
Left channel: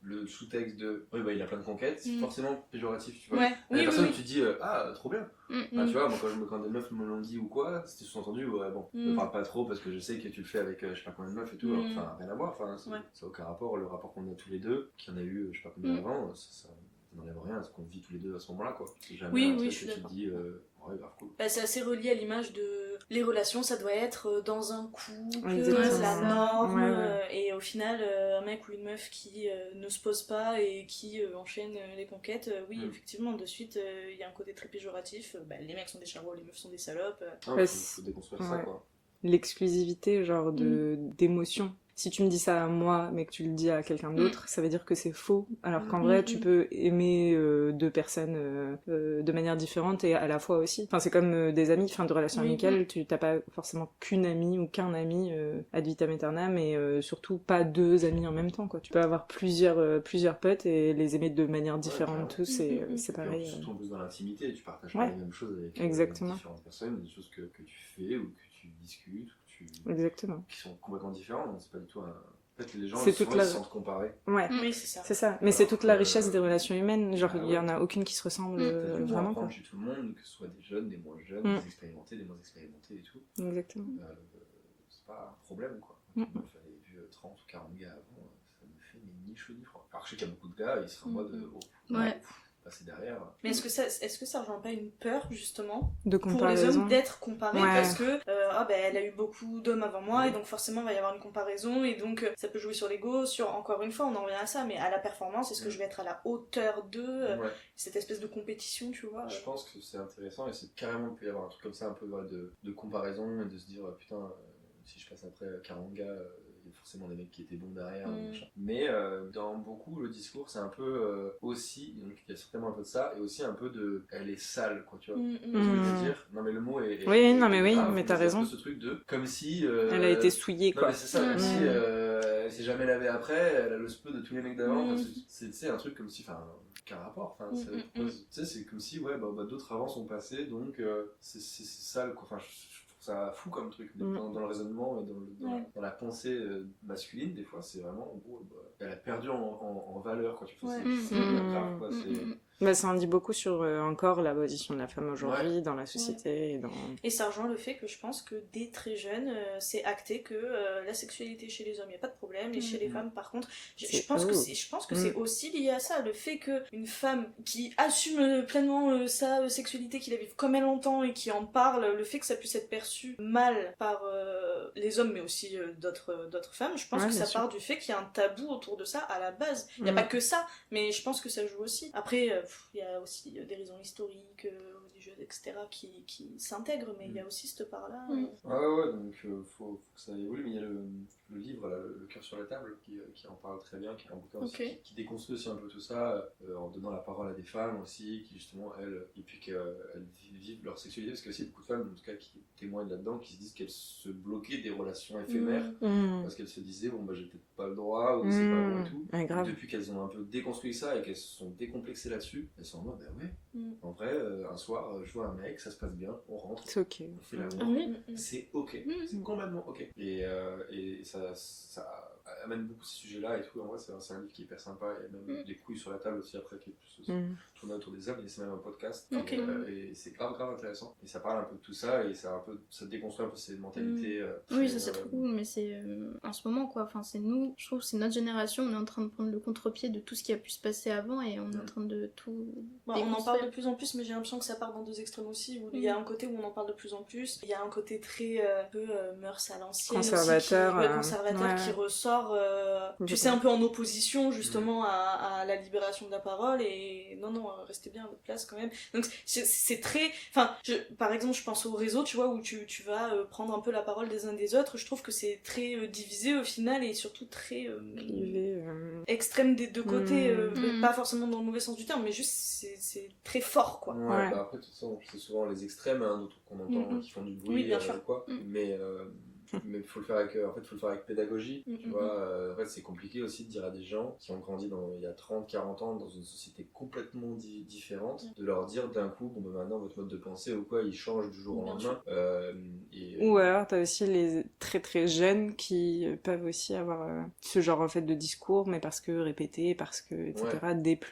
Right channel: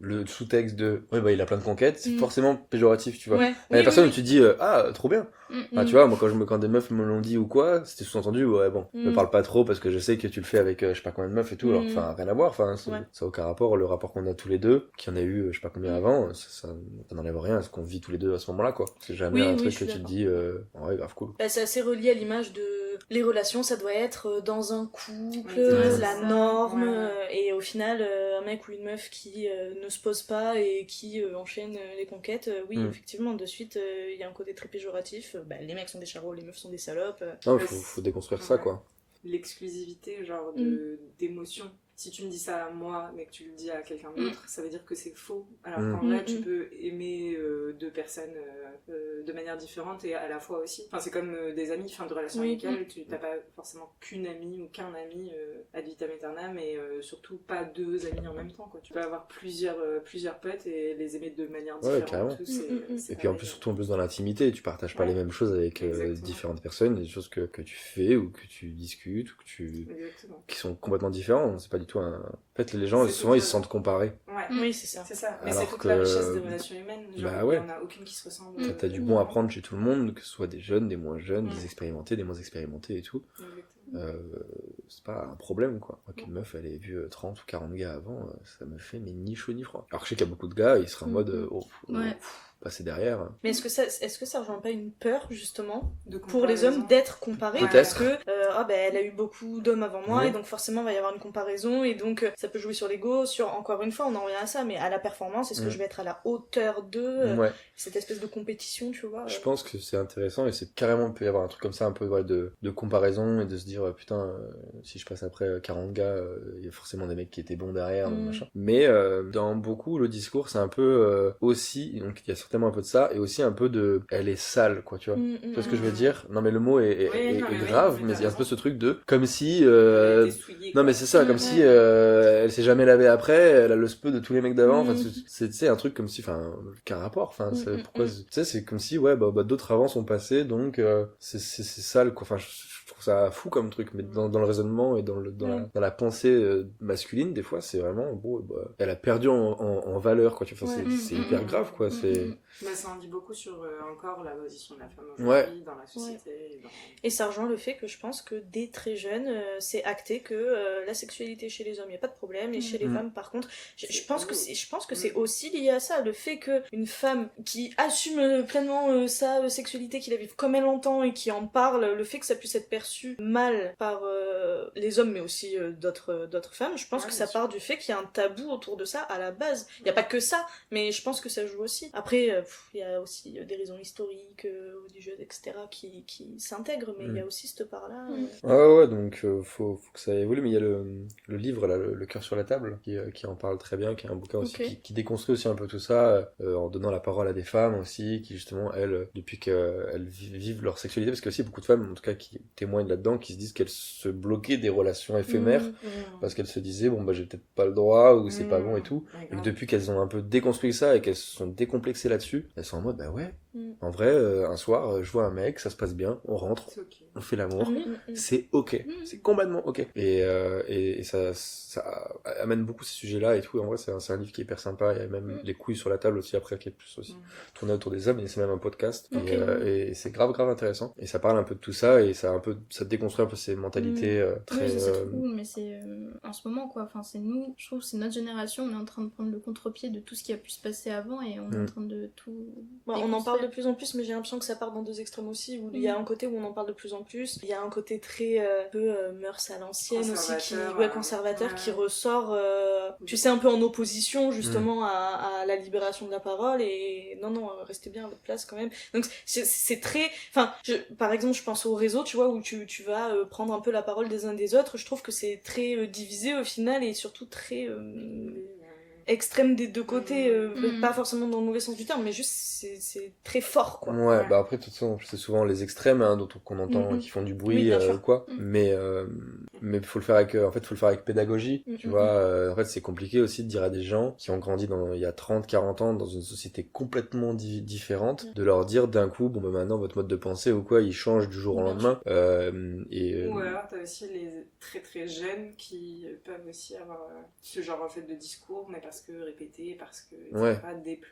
le sous-texte de ouais il a plein de conquêtes, c'est forcément péjoratif, tu vois. Ouais. La personne où tu dis ah trop bien. Enfin, tu vois, moi quand des meufs me l'ont dit ou quoi, c'était sous-entendu ouais bon, me parle pas trop parce que je sais que tu le fais avec je sais pas combien de meufs et tout, alors enfin rien à voir, enfin ça a aucun rapport, le rapport qu'on a tous les deux, qu'il y en a eu je sais pas combien avant, ça n'enlève rien à ce qu'on vit tous les deux à ce moment-là, quoi. C'est jamais un truc que tu te dis ouais grave cool. C'est assez relié à l'image de les relations, ça doit être dans un couple, la norme, et au final un mec ou une meuf qui ne se pose pas et qui enchaîne les conquêtes, effectivement de suite il y a un côté très péjoratif, les mecs sont des charros, les meufs sont des salopes. Non, faut déconstruire ça, quoi. L'exclusivité genre d'émotion. Si tu me dis ça à moi, mais que tu le dis à quelqu'un d'autre, ça veut dire que c'est faux. Alors qu'en vrai, tu peux aimer deux personnes de manière différente et à la fois aussi. Enfin, c'est comme des amis, de relations amicales. Tu n'as pas forcément qu'une amie ou qu'un ami ad vitam aeternam, mais surtout pas deux amis en même temps, quoi. Tu peux avoir plusieurs potes et les aimer de manière différente. Tous, et puis en plus, surtout dans l'intimité, tu partages pas les mêmes choses avec différentes personnes, des choses que tu fais ou que tu discutes ou que qui sont complètement différentes. C'est pas du tout en fait, les gens souvent ils se sentent comparés. Oui, c'est ça. Mais c'est toute la richesse des relations humaines. Genre, il y en a aucune qui se ressemble. T'as du bon à prendre chez tout le monde, que ce soit des jeunes, des moins jeunes, des expérimentés, des moins expérimentés et tout. Exactement. C'est pas un problème, quoi. Moi, qu'une meuf elle ait vu 30 ou 40 gars avant, ça me fait ni chaud ni froid. Alors que je sais qu'il y a beaucoup de gars, ils seraient en mode passer derrière. Mais est-ce que ça rejoint pas une peur justement pour les hommes d'être comparés, parce que elle a eu beaucoup d'hommes avant moi et donc forcément il va y avoir une comparaison et donc ça peut jouer sur l'ego, sur encore une fois on en revient à ça, mais à la performance, est-ce que je vais être à la hauteur d'eux, cette espèce de compétition, tu vois. Je pense que c'est intéressant et c'est carrément, il peut y avoir un truc comme ça un peu de comparaison et de se dire putain si je passe après 40 gars il y a forcément des mecs qui étaient bons derrière machin. Mais dans beaucoup le discours c'est un peu aussi, donc il y a certainement un peu de ça, et aussi un peu de elle est sale, quoi, tu vois. Tu vois ce que je veux dire? Non, mais le mot est grave, mais c'est un peu ce truc de comme si elle a été souillée, quoi. non, mais c'est ça, comme si elle s'est jamais lavée après, elle a le speu de tous les mecs d'avant. Enfin, c'est un truc comme si, enfin, qu'un rapport. Enfin, pourquoi, tu sais, c'est comme si, ouais, bah d'autres avant sont passés, donc c'est sale, quoi. Enfin, je trouve ça fou comme truc, mais dans le raisonnement et dans la pensée masculine, des fois, c'est vraiment, bon, bah, elle a perdu en valeur, quoi. Tu vois, c'est hyper grave, quoi. Bah, ça en dit beaucoup sur encore la position de la femme aujourd'hui dans la société. Et ça rejoint le fait que je pense que dès très jeune, c'est acté que la sexualité chez les hommes, il n'y a pas de problème, et chez les femmes, par contre, je pense que c'est aussi lié à ça, le fait qu'une femme qui assume pleinement sa sexualité, qui la vive comme elle l'entend et qui en parle, le fait que ça puisse être perçu mal par les hommes, mais aussi d'autres femmes, je pense que ça part du fait qu'il y a un tabou autour de ça à la base. Il n'y a pas que ça, mais je pense que ça joue aussi. Après, il y a aussi des raisons historiques, religieuses, etc. qui s'intègrent, mais il y a aussi cette part-là. Ouais, donc faut que ça évolue, mais il y a le livre, là, le cœur sur la table, qui en parle très bien, qui est un bouquin aussi, qui déconstruit aussi un peu tout ça, en donnant la parole à des femmes aussi, qui justement, elles, depuis qu'elles vivent leur sexualité, parce qu'il y a aussi beaucoup de femmes, en tout cas, qui témoignent là-dedans, qui se disent qu'elles se bloquaient des relations éphémères, parce qu'elles se disaient, bon, bah, j'ai peut-être pas le droit, ou c'est pas bon et tout. Donc, depuis qu'elles ont un peu déconstruit ça et qu'elles se sont décomplexées là-dessus, elles sont en mode, bah ouais, en vrai, un soir, je vois un mec, ça se passe bien, on rentre, on fait l'amour, c'est ok, c'est complètement ok. Et ça amène beaucoup ces sujets-là et tout. En vrai, c'est un livre qui est hyper sympa. Il y a même les couilles sur la table aussi après, qui est plus aussi tourné autour des hommes, et c'est même un podcast. Et c'est grave intéressant. Et ça parle un peu de tout ça, et ça déconstruit un peu ces mentalités très... Oui, ça c'est trop cool, mais c'est en ce moment, quoi. Enfin, c'est nous, je trouve que c'est notre génération, on est en train de prendre le contre-pied de tout ce qui a pu se passer avant, et on est en train de tout... on en parle de plus en plus, mais j'ai l'impression que ça part dans deux extrêmes aussi, où il y a un côté où on en parle de plus en plus, il y a un côté très peu mœurs à l'ancienne aussi, conservateur, qui ressort, tu sais, un peu en opposition justement à la libération de la parole, et non, restez bien à votre place quand même. Donc c'est très... Enfin, par exemple, je pense au réseau, tu vois, où tu vas prendre un peu la parole des uns des autres, je trouve que c'est très divisé au final, et surtout très extrême des deux côtés, pas forcément dans le mauvais sens du terme, mais juste c'est très fort, quoi. Ouais, bah après, de toute façon, c'est souvent les extrêmes, hein, qu'on entend, qui font du bruit, quoi. Mais faut le faire avec pédagogie, tu vois. En fait, c'est compliqué aussi de dire à des gens qui ont grandi il y a 30-40 ans dans une société complètement différente, de leur dire d'un coup, bon, bah maintenant, votre mode de pensée ou quoi, il change du jour au lendemain. Ou alors, t'as aussi les très très jeunes qui peuvent aussi avoir ce genre en fait de discours, mais parce que répété, parce que, etc.,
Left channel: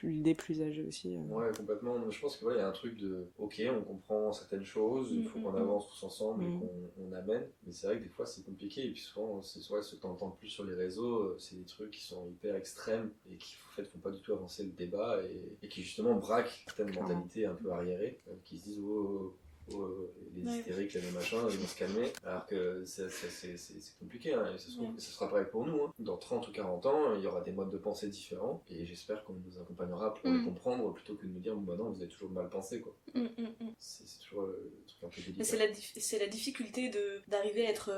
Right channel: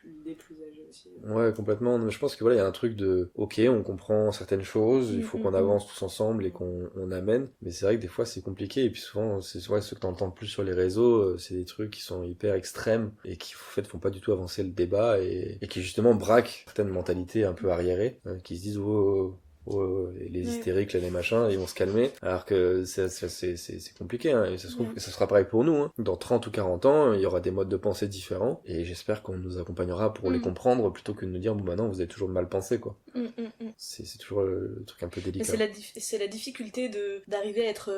des plus âgés aussi. Ouais, complètement. Mais je pense que voilà, il y a un truc de, ok, on comprend certaines choses, il faut qu'on avance tous ensemble et qu'on amène, mais c'est vrai que des fois c'est compliqué, et puis souvent, c'est ce que t'entends plus sur les réseaux, c'est des trucs qui sont hyper extrêmes et qui en fait font pas du tout avancer le débat, et qui justement braquent certaines mentalités un peu arriérées, qui se disent les hystériques, les machins, ils vont se calmer, alors que c'est compliqué, hein, et ça se trouve que ça sera pareil pour nous, hein. Dans 30 ou 40 ans, il y aura des modes de pensée différents, et j'espère qu'on nous accompagnera pour les comprendre, plutôt que de nous dire, bon bah non, vous avez toujours mal pensé, quoi. C'est toujours le truc un peu délicat. C'est la difficulté d'arriver à être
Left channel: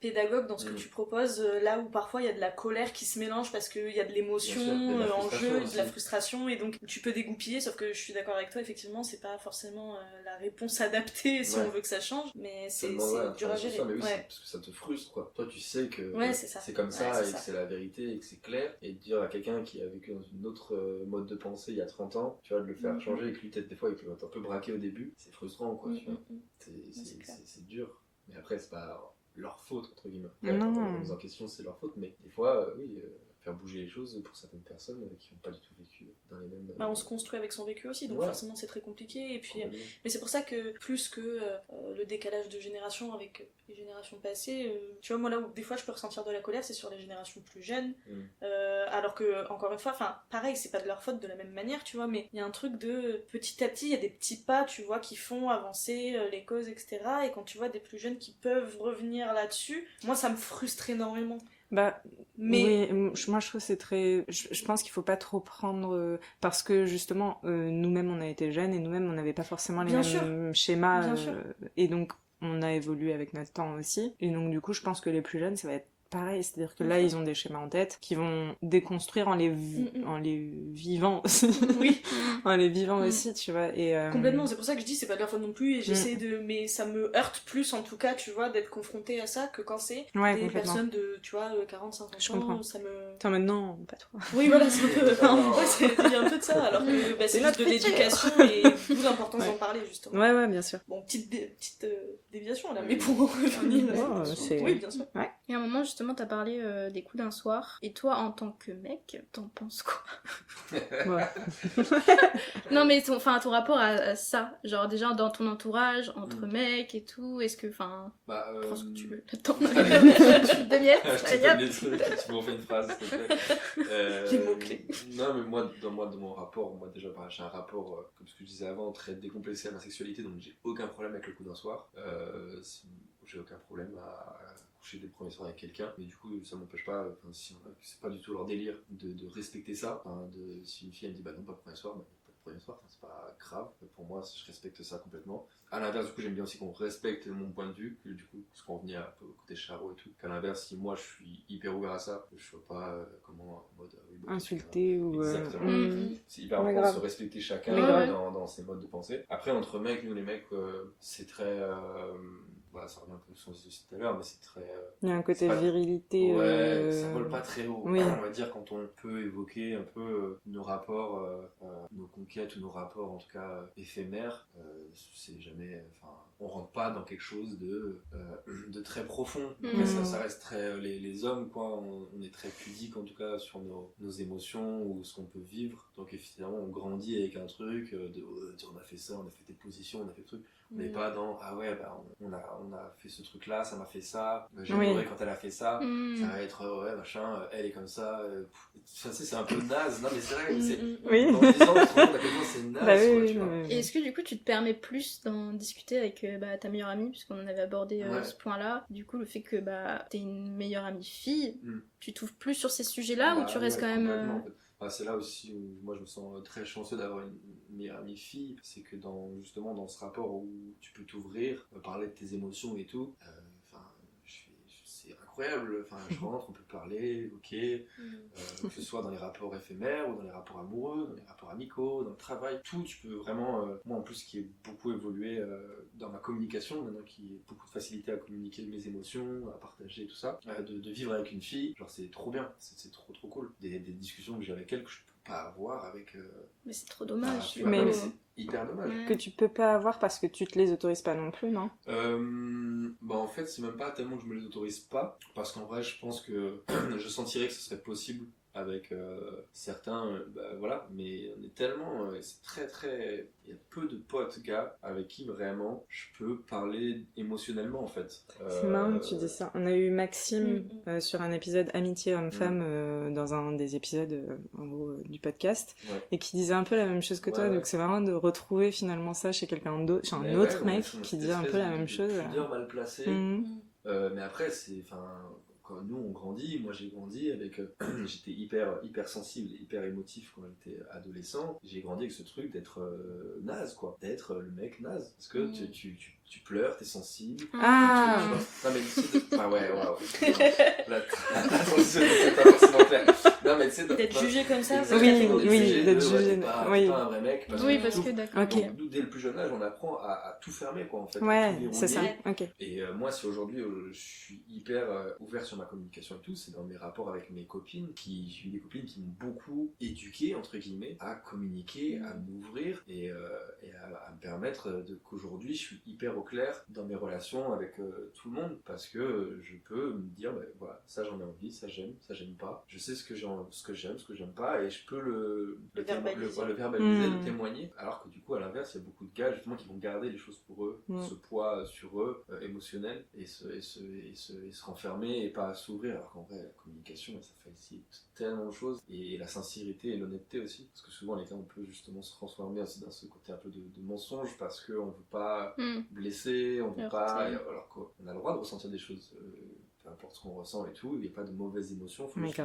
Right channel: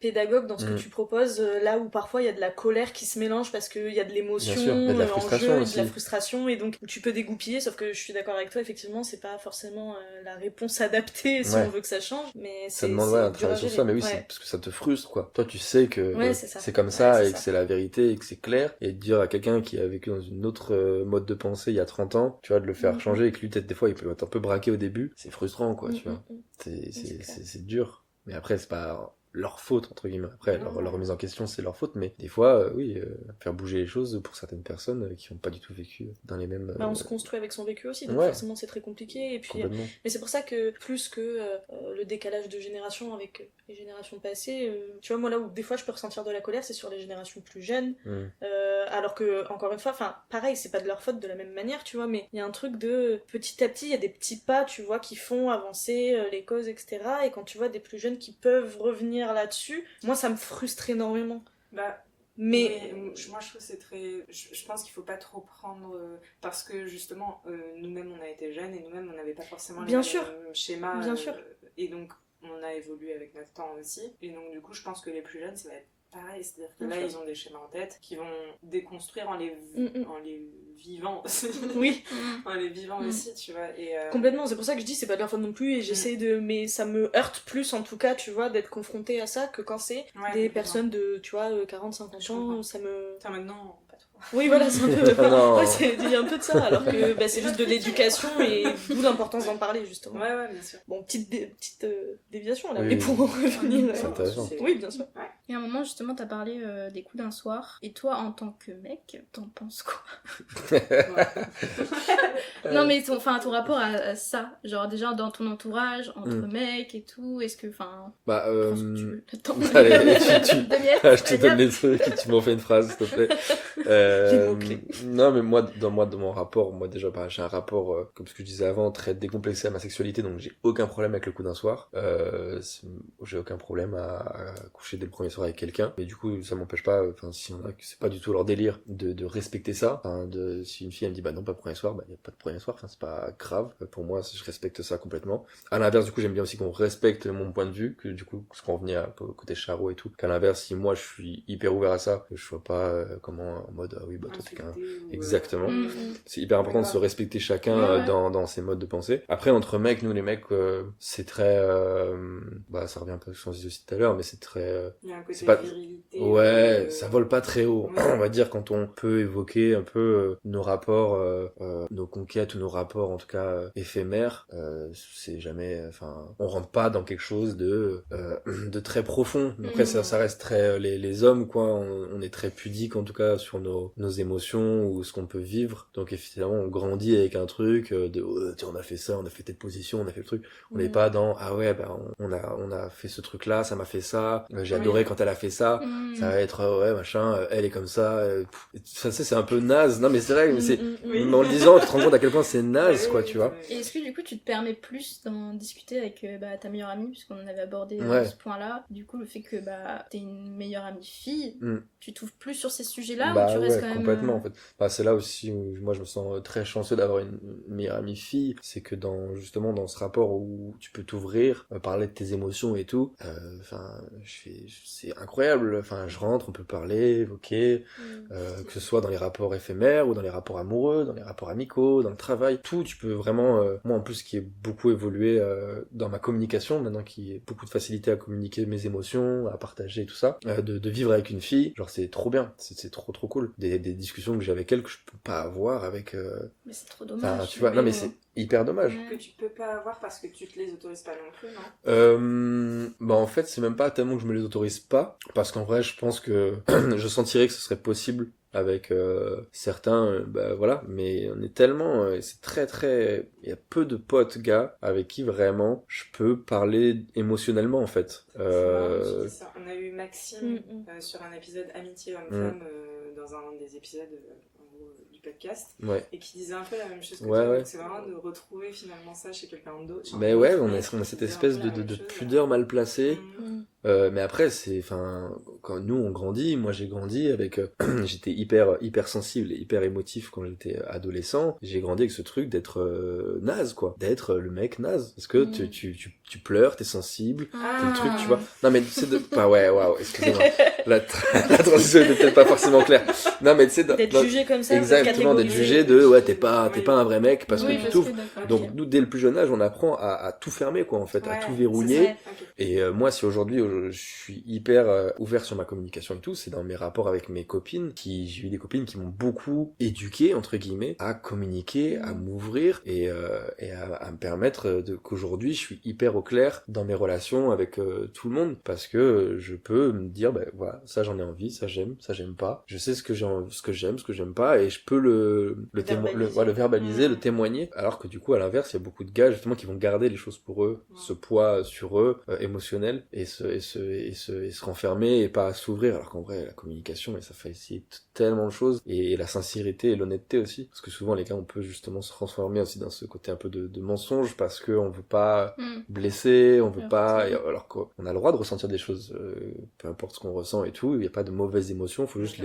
pédagogue dans ce que tu proposes, là où parfois il y a de la colère qui se mélange parce qu'il y a de l'émotion en jeu, et de la frustration, et donc tu peux dégoupiller, sauf que je suis d'accord avec toi, effectivement, c'est pas forcément la réponse adaptée si on veut que ça change, mais c'est dur à gérer. Ça, mais oui, c'est parce que ça te frustre, quoi. Toi, tu sais que c'est comme ça, et que c'est la vérité, et que c'est clair, et de dire à quelqu'un qui a vécu dans une autre mode de pensée il y a 30 ans, tu vois, de le faire changer, et que lui, peut-être des fois, il peut être un peu braqué au début, c'est frustrant, quoi, tu vois. C'est dur. Mais après, c'est pas leur faute, entre guillemets. Après, leur remise en question, c'est leur faute, mais des fois, faire bouger les choses pour certaines personnes qui n'ont pas du tout vécu dans les mêmes... on se construit avec son vécu aussi, donc forcément c'est très compliqué, et puis... mais c'est pour ça que, plus que le décalage de génération avec les générations passées, tu vois, moi là où des fois je peux ressentir de la colère, c'est sur les générations plus jeunes, alors que, encore une fois, enfin, pareil, c'est pas de leur faute de la même manière, tu vois, mais il y a un truc de... Petit à petit, il y a des petits pas, tu vois, qui font avancer les causes, etc., et quand tu vois des plus jeunes qui peuvent revenir là-dessus, moi ça me frustre énormément. Mais moi je trouve que c'est très... Je pense qu'il faut pas trop prendre... parce que justement, nous-mêmes on a été jeunes, et nous-mêmes on n'avait pas forcément les mêmes schémas, et donc on a évolué avec notre temps aussi, et donc du coup je pense que les plus jeunes ça va être pareil, c'est-à-dire que là, ils ont des schémas en tête qui vont déconstruire en les vivant aussi. Oui. En les vivant aussi, tu vois. Et, Complètement, c'est pour ça que je dis c'est pas de leur faute non plus et j'essaie de... Mais ça me heurte plus en tout cas, tu vois, d'être confrontée à ça que quand c'est des personnes de, tu vois, 40-50 ans, ça me... Attends, maintenant, pas trop. Oui, voilà, c'est un peu... Non. ouais, il y a un peu de ça, alors que c'est juste de l'éducation et d'où l'importance d'en parler, justement. Ouais, bien sûr. Bon, petite déviation là, Oui, mais pour en revenir... C'est intéressant. Oui, bien sûr. Ouais. Et à un moment, justement, t'as parlé des coups d'un soir. Et toi, en tant que mec, t'en penses quoi? Non, mais ton rapport à ça, genre déjà dans ton entourage, entre mecs et tout, est-ce que, enfin... Bah, Prends ce que tu veux. Attends, Allez, deux miettes, je te allez, donne hop. les trucs et tu m'en fais une phrase, s'il te plaît. Les mots-clés. Non, mais moi, dans mon rapport, déjà, j'ai un rapport, comme ce que je disais avant, très décomplexé à ma sexualité, donc j'ai aucun problème avec le coup d'un soir. J'ai aucun problème à coucher dès le premier soir avec quelqu'un, mais du coup, ça m'empêche pas, si on a que c'est pas du tout leur délire de respecter ça, si une fille elle me dit bah non, pas premier soir, bah y a pas de premier soir, c'est pas grave. Pour moi, je respecte ça complètement. À l'inverse, du coup, j'aime bien aussi qu'on respecte mon point de vue, que du coup, ce qu'on revenait un peu au côté charo et tout, qu'à l'inverse, si moi je suis hyper ouvert à ça, que je sois pas en mode ah oui, bah toi t'es qu'un... Insulté ou... Exactement. Mhm. C'est hyper important de grave. se respecter chacun Ouais. dans ses modes de pensée. Après, entre mecs, nous les mecs, c'est très... ça revient un peu à ce qu'on disait aussi tout à l'heure, mais c'est très... Il y a un côté c'est pas- virilité. Ouais, ça vole pas très haut. Oui. On va dire quand on peut évoquer un peu nos rapports, nos conquêtes ou nos rapports en tout cas éphémères, c'est jamais... on rentre pas dans quelque chose de très profond. Après, ça reste très... les hommes, quoi, on est très pudiques en tout cas sur nos émotions ou ce qu'on peut vivre. Donc évidemment, on grandit avec un truc tiens, on a fait ça, on a fait telle position, on a fait le truc. On n'est pas dans ah ouais, bah, on a fait ce truc là, ça m'a fait ça, j'ai adoré quand elle a fait ça. Ça va être ouais machin, elle est comme ça. Ça c'est un peu naze. Non mais c'est vrai, mais c'est en le disant, tu te rends compte à quel point c'est naze, quoi, tu vois. Et est-ce que du coup tu te permets plus d'en discuter avec ta meilleure amie, puisqu'on en avait abordé ce point-là, du coup le fait que t'es une meilleure amie fille, tu t'ouvres plus sur ces sujets-là ou tu restes quand même... Complètement en fait. C'est là aussi où moi je me sens très chanceux d'avoir une meilleure amie fille, c'est que justement dans ce rapport où tu peux t'ouvrir, parler de tes émotions et tout, c'est incroyable, je rentre, on peut parler, évoquer, que ce soit dans les rapports éphémères ou dans les rapports amoureux, dans les rapports amicaux, dans le travail, tout, tu peux vraiment, moi en plus qui ai beaucoup évolué dans ma communication, maintenant qui ai beaucoup de facilité à communiquer mes émotions, à partager tout ça, de vivre avec une fille, genre c'est trop bien, c'est trop cool, des discussions que j'ai avec elle que je peux pas avoir avec... Mais c'est trop dommage. Tu vois, non mais c'est hyper dommage. Que tu peux pas avoir parce que tu te les autorises pas non plus, non? En fait c'est même pas tellement que je me les autorise pas, parce qu'en vrai je pense que je sentirais que ce serait possible avec certains, voilà, mais on est tellement, c'est très, il y a peu de potes gars avec qui vraiment je peux parler émotionnellement en fait. C'est marrant que tu dis ça. On a eu Maxime sur un épisode Amitié homme-femme dans un des épisodes en gros, du podcast, et qui disait un peu la même chose que toi, donc c'est marrant de retrouver finalement ça chez quelqu'un d'autre. On a cette espèce de pudeur mal placée. Mais après, quand nous on grandit, moi j'ai grandi avec, j'étais hyper sensible et hyper émotif quand j'étais adolescent. J'ai grandi avec ce truc d'être naze, quoi, d'être le mec naze, parce que tu pleures, t'es sensible, truc, tu vois. Non mais c'est excusez-moi, la transition n'est peut-être pas forcément claire. Non mais tu sais, d'être jugé comme ça, exactement, d'être jugé t'es pas un vrai mec parce que tu t'ouvres. Donc nous dès le plus jeune âge, on apprend à tout fermer, quoi, en fait, à tout verrouiller. Et moi, si aujourd'hui je suis hyper ouvert sur ma communication et tout, c'est dans mes rapports avec mes copines, j'ai eu des copines qui m'ont beaucoup éduqué, entre guillemets, à communiquer, à m'ouvrir et à me permettre qu'aujourd'hui je suis hyper au clair dans mes relations avec tout le monde, parce que je peux me dire voilà, ça j'en ai envie, ça j'aime pas, je sais ce que j'aime, ce que j'aime pas, et je peux le verbaliser, le témoigner, alors que du coup à l'inverse il y a beaucoup de gars justement qui vont garder les choses pour eux, ce poids sur eux émotionnel, et se renfermer et pas s'ouvrir, alors qu'en vrai la communication, et ça facilite tellement de choses, et la sincérité et l'honnêteté aussi, parce que souvent les gars on peut justement se transformer aussi dans ce côté un peu de mensonge, parce qu'on veut pas blesser, on veut pas, alors qu'on a le droit de ressentir des choses, peu importe ce qu'on ressent et tout, il n'y a pas de mauvaises émotions, il faut juste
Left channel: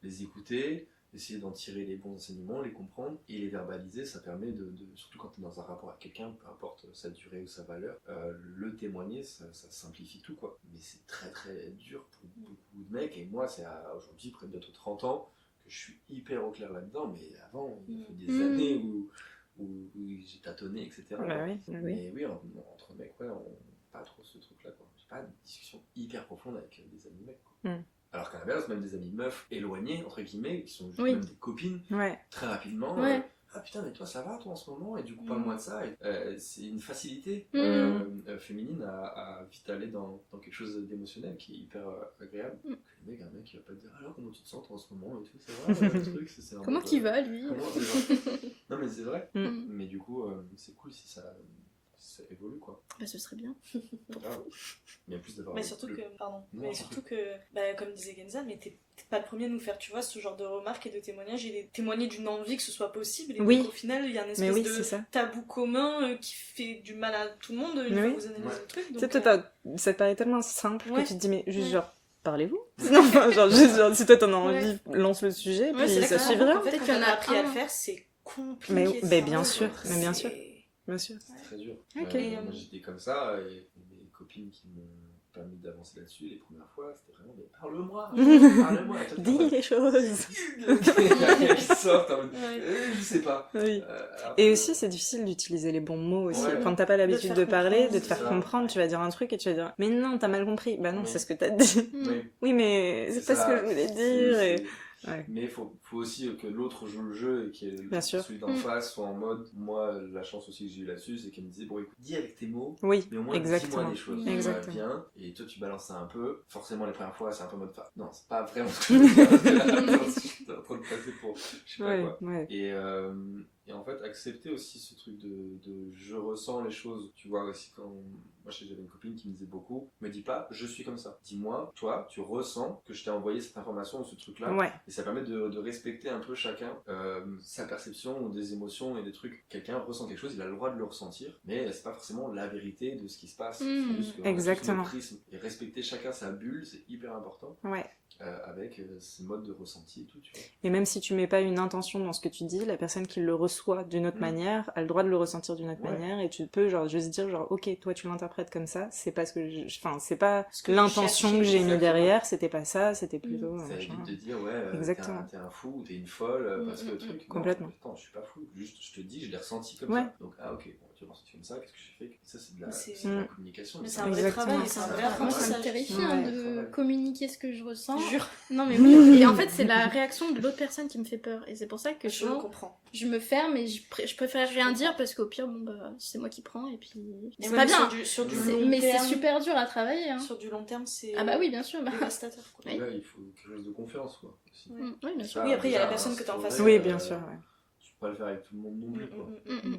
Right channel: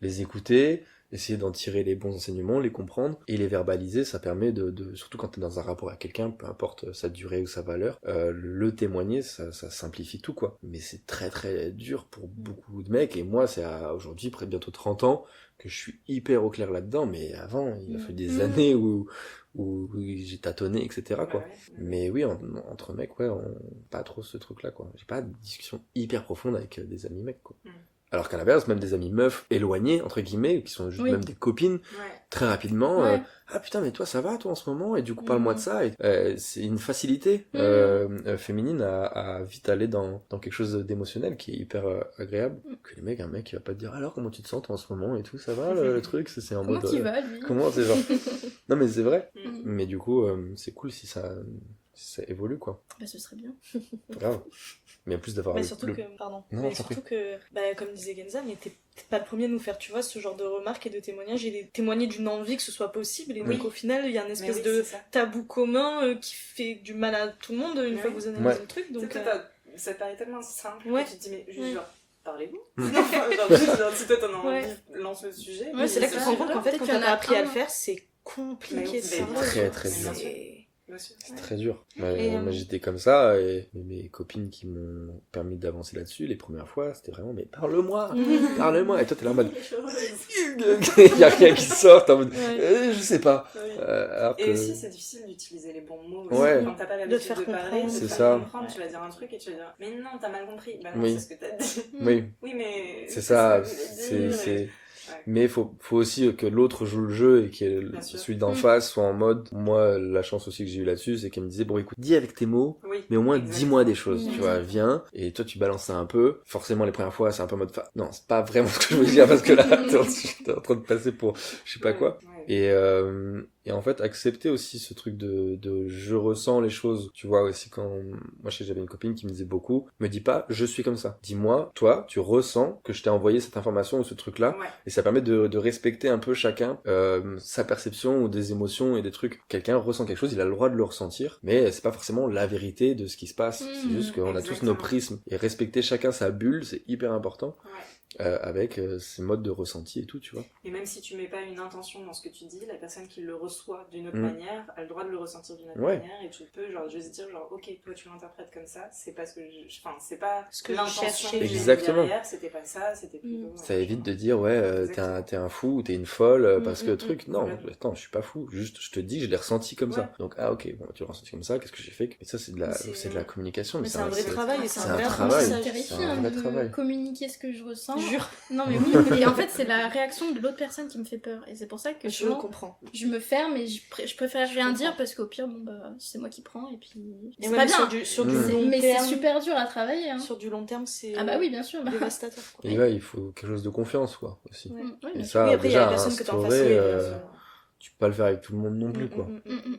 les écouter essayer d'en tirer les bons enseignements, les comprendre et les verbaliser. Ça permet surtout quand t'es dans un rapport à quelqu'un, peu importe sa durée ou sa valeur, le témoigner, ça simplifie tout, quoi. Mais c'est très très dur pour beaucoup de mecs, et moi c'est aujourd'hui, près de bientôt 30 ans, que je suis hyper au clair là-dedans, mais avant il a fallu des années où j'ai tâtonné, etc. Bah quoi. oui. Mais oui, entre mecs, ouais, pas trop ce truc-là, quoi. J'ai pas de discussion hyper profonde avec des amis mecs, quoi. Alors qu'à l'inverse, même des amis meufs éloignés, entre guillemets, qui sont juste même des copines, très rapidement, ah putain, mais toi ça va, toi en ce moment, et du coup parle-moi de ça. Et, c'est une facilité féminine à vite aller dans quelque chose d'émotionnel qui est hyper agréable. Que les mecs, un mec il va pas te dire alors comment tu te sens toi, en ce moment et tout, ça va le truc, c'est un Comment tu vas, lui? Comment c'est genre. Non mais c'est vrai, mais du coup c'est cool si ça évolue, quoi. Bah ce serait bien. Grave. Mais en plus d'avoir... Mais surtout que, comme disait Kenza, mais t'es pas le premier à nous faire, tu vois, ce genre de remarques et de témoignages, et témoigner d'une envie que ce soit possible, et donc au final, il y a une espèce de tabou commun qui fait du mal à tout le monde une fois que vous analysez le truc. Donc, ça te paraît tellement simple que tu te dis, mais juste genre, parlez-vous. Genre, si toi t'en as envie, lance le sujet. C'est là que tu te rends compte qu'en fait, quand on a appris à le faire, c'est compliqué. Mais bien sûr, bien sûr. C'est très dur. Moi j'étais comme ça, et mes copines qui m'ont permis d'avancer là-dessus, les premières fois, c'était vraiment, mais parle-moi, parle-moi. Et toi t'es là en mode, dis les choses. Il y a rien qui sort, en mode, je sais pas. Et aussi c'est difficile d'utiliser les bons mots aussi. Quand t'as pas l'habitude de parler, de te faire comprendre, tu vas dire un truc et tu vas dire, mais non, t'as mal compris. Bah non, c'est ce que t'as dit. Oui, mais c'est pas ce que je voulais dire. Mais faut aussi que l'autre joue le jeu, et que celui d'en face soit en mode... Moi, la chance aussi que j'ai eu là-dessus, c'est qu'elle me disait, bon écoute, dis avec tes mots, mais au moins dis-moi des choses, tu vois, viens, et toi tu balances ça un peu. Forcément les premières fois c'est un peu en mode, non, c'est pas vraiment ce que je veux dire, parce que là t'es en train de passer pour je sais pas quoi. Et en fait, accepter aussi ce truc de je ressens les choses, tu vois, aussi quand... Moi, j'avais une copine qui me disait beaucoup, me dis pas, je suis comme ça. Dis-moi, toi, tu ressens que je t'ai envoyé cette information ou ce truc-là, et ça permet de respecter un peu chacun sa perception ou des émotions et des trucs. Quelqu'un ressent quelque chose, il a le droit de le ressentir, mais c'est pas forcément la vérité de ce qui se passe. C'est juste qu'on a tous nos prismes. Et respecter chacun sa bulle, c'est hyper important. Avec ses modes de ressenti et tout, tu vois. Et même si tu mets pas une intention dans ce que tu dis, la personne qui le reçoit d'une autre manière a le droit de le ressentir d'une autre manière, et tu peux genre juste dire genre ok, toi tu l'interprètes comme ça, c'est pas ce que c'est pas ce que l'intention que j'ai mis derrière, c'était pas ça, c'était plutôt ça évite de dire t'es un fou ou t'es une folle parce que truc, non, attends, je suis pas fou, juste je te dis je l'ai ressenti comme ça, donc ok, bon, tu l'as ressenti comme ça, qu'est-ce que j'ai fait? Et ça c'est de la communication, mais c'est un vrai travail, et c'est un vrai travail. C'est terrifiant de communiquer ce que je ressens. Jure. Non mais oui, et en fait c'est la réaction de l'autre personne qui me fait peur, et c'est pour ça que je comprends. Je me ferme et je préfère rien dire, parce qu'au pire c'est moi qui prends, et puis c'est pas bien sur du long mais terme, c'est super dur à travailler, hein. Sur du long terme c'est bah oui, bien sûr, dévastateur, quoi. Et là il faut quelque chose de confiance, quoi, aussi. Oui, bien sûr. Après il y a la personne que t'as en face, bien sûr. Tu peux pas le faire avec tout le monde non plus, quoi.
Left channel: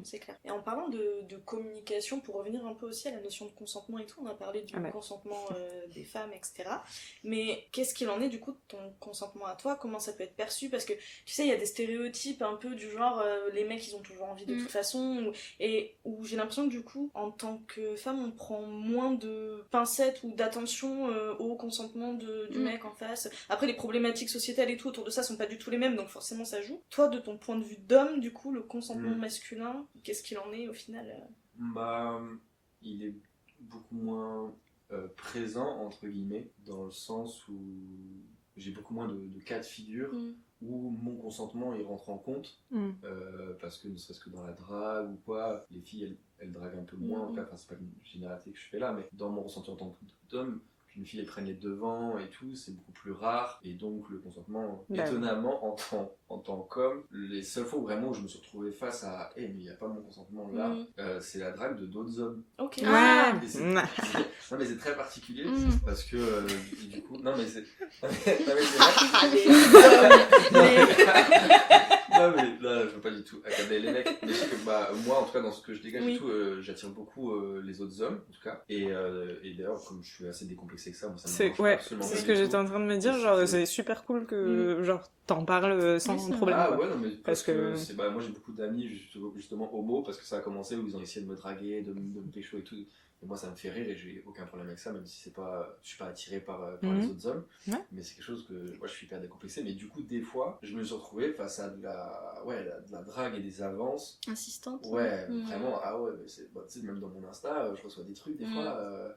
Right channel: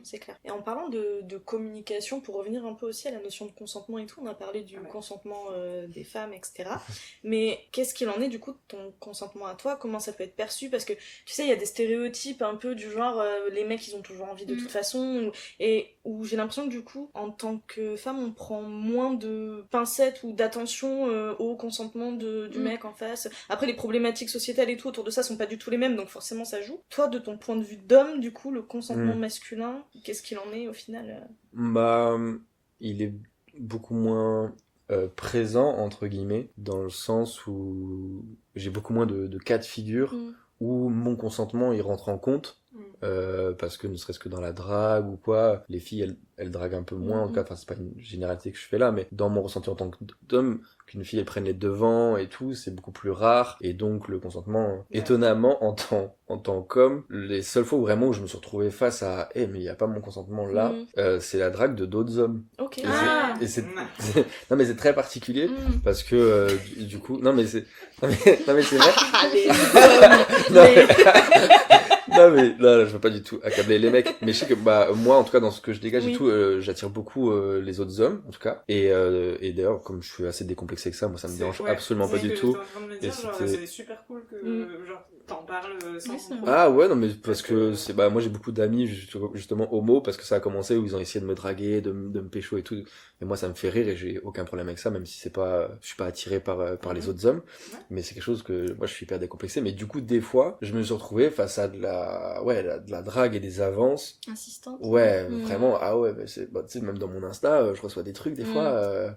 C'est clair. Et en parlant de communication, pour revenir un peu aussi à la notion de consentement et tout, on a parlé du consentement des femmes, etc. Mais qu'est-ce qu'il en est du coup de ton consentement à toi? Comment ça peut être perçu? Parce que tu sais, il y a des stéréotypes un peu du genre les mecs ils ont toujours envie de toute façon, et où j'ai l'impression que du coup, en tant que femme, on prend moins de pincettes ou d'attention au consentement du mec en face. Après, les problématiques sociétales et tout autour de ça sont pas du tout les mêmes, donc forcément ça joue. Toi, de ton point de vue d'homme, du coup, le consentement masculin, qu'est-ce qu'il en est au final? Il est beaucoup moins présent, entre guillemets, dans le sens où j'ai beaucoup moins de cas de figure où mon consentement il rentre en compte, parce que ne serait-ce que dans la drague ou quoi, les filles elles draguent un peu moins, en tout cas, c'est pas une généralité que je fais là, mais dans mon ressenti en tant qu'homme, qu'une fille elle prenne les devants et tout, c'est beaucoup plus rare, et donc le consentement, étonnamment, en tant qu'homme, les seules fois où vraiment je me suis retrouvé face à mais il n'y a pas mon consentement là, c'est la drague de d'autres hommes. Ok. Et non mais c'est très particulier, parce que du coup, non mais c'est vrai. Non mais là je veux pas du tout accabler les mecs, mais je sais que moi en tout cas dans ce que je dégage et tout, j'attire beaucoup les autres hommes en tout cas, et d'ailleurs comme je suis assez décomplexé que ça, moi ça me dérange absolument pas du tout. C'est ce que j'étais en train de me dire, genre c'est super cool que genre t'en parles sans problème. Ah ouais, non mais parce que c'est moi j'ai beaucoup d'amis justement homo, parce que ça a commencé où ils ont essayé de me draguer, de me pécho et tout, et moi ça me fait rire et j'ai aucun problème avec ça, même si je suis pas attiré par les autres hommes, mais c'est quelque chose que moi je suis hyper décomplexé. Mais du coup des fois je me suis retrouvé face à de la drague et des avances insistante, vraiment. Ah ouais, mais c'est tu sais, même dans mon Insta je reçois des trucs des fois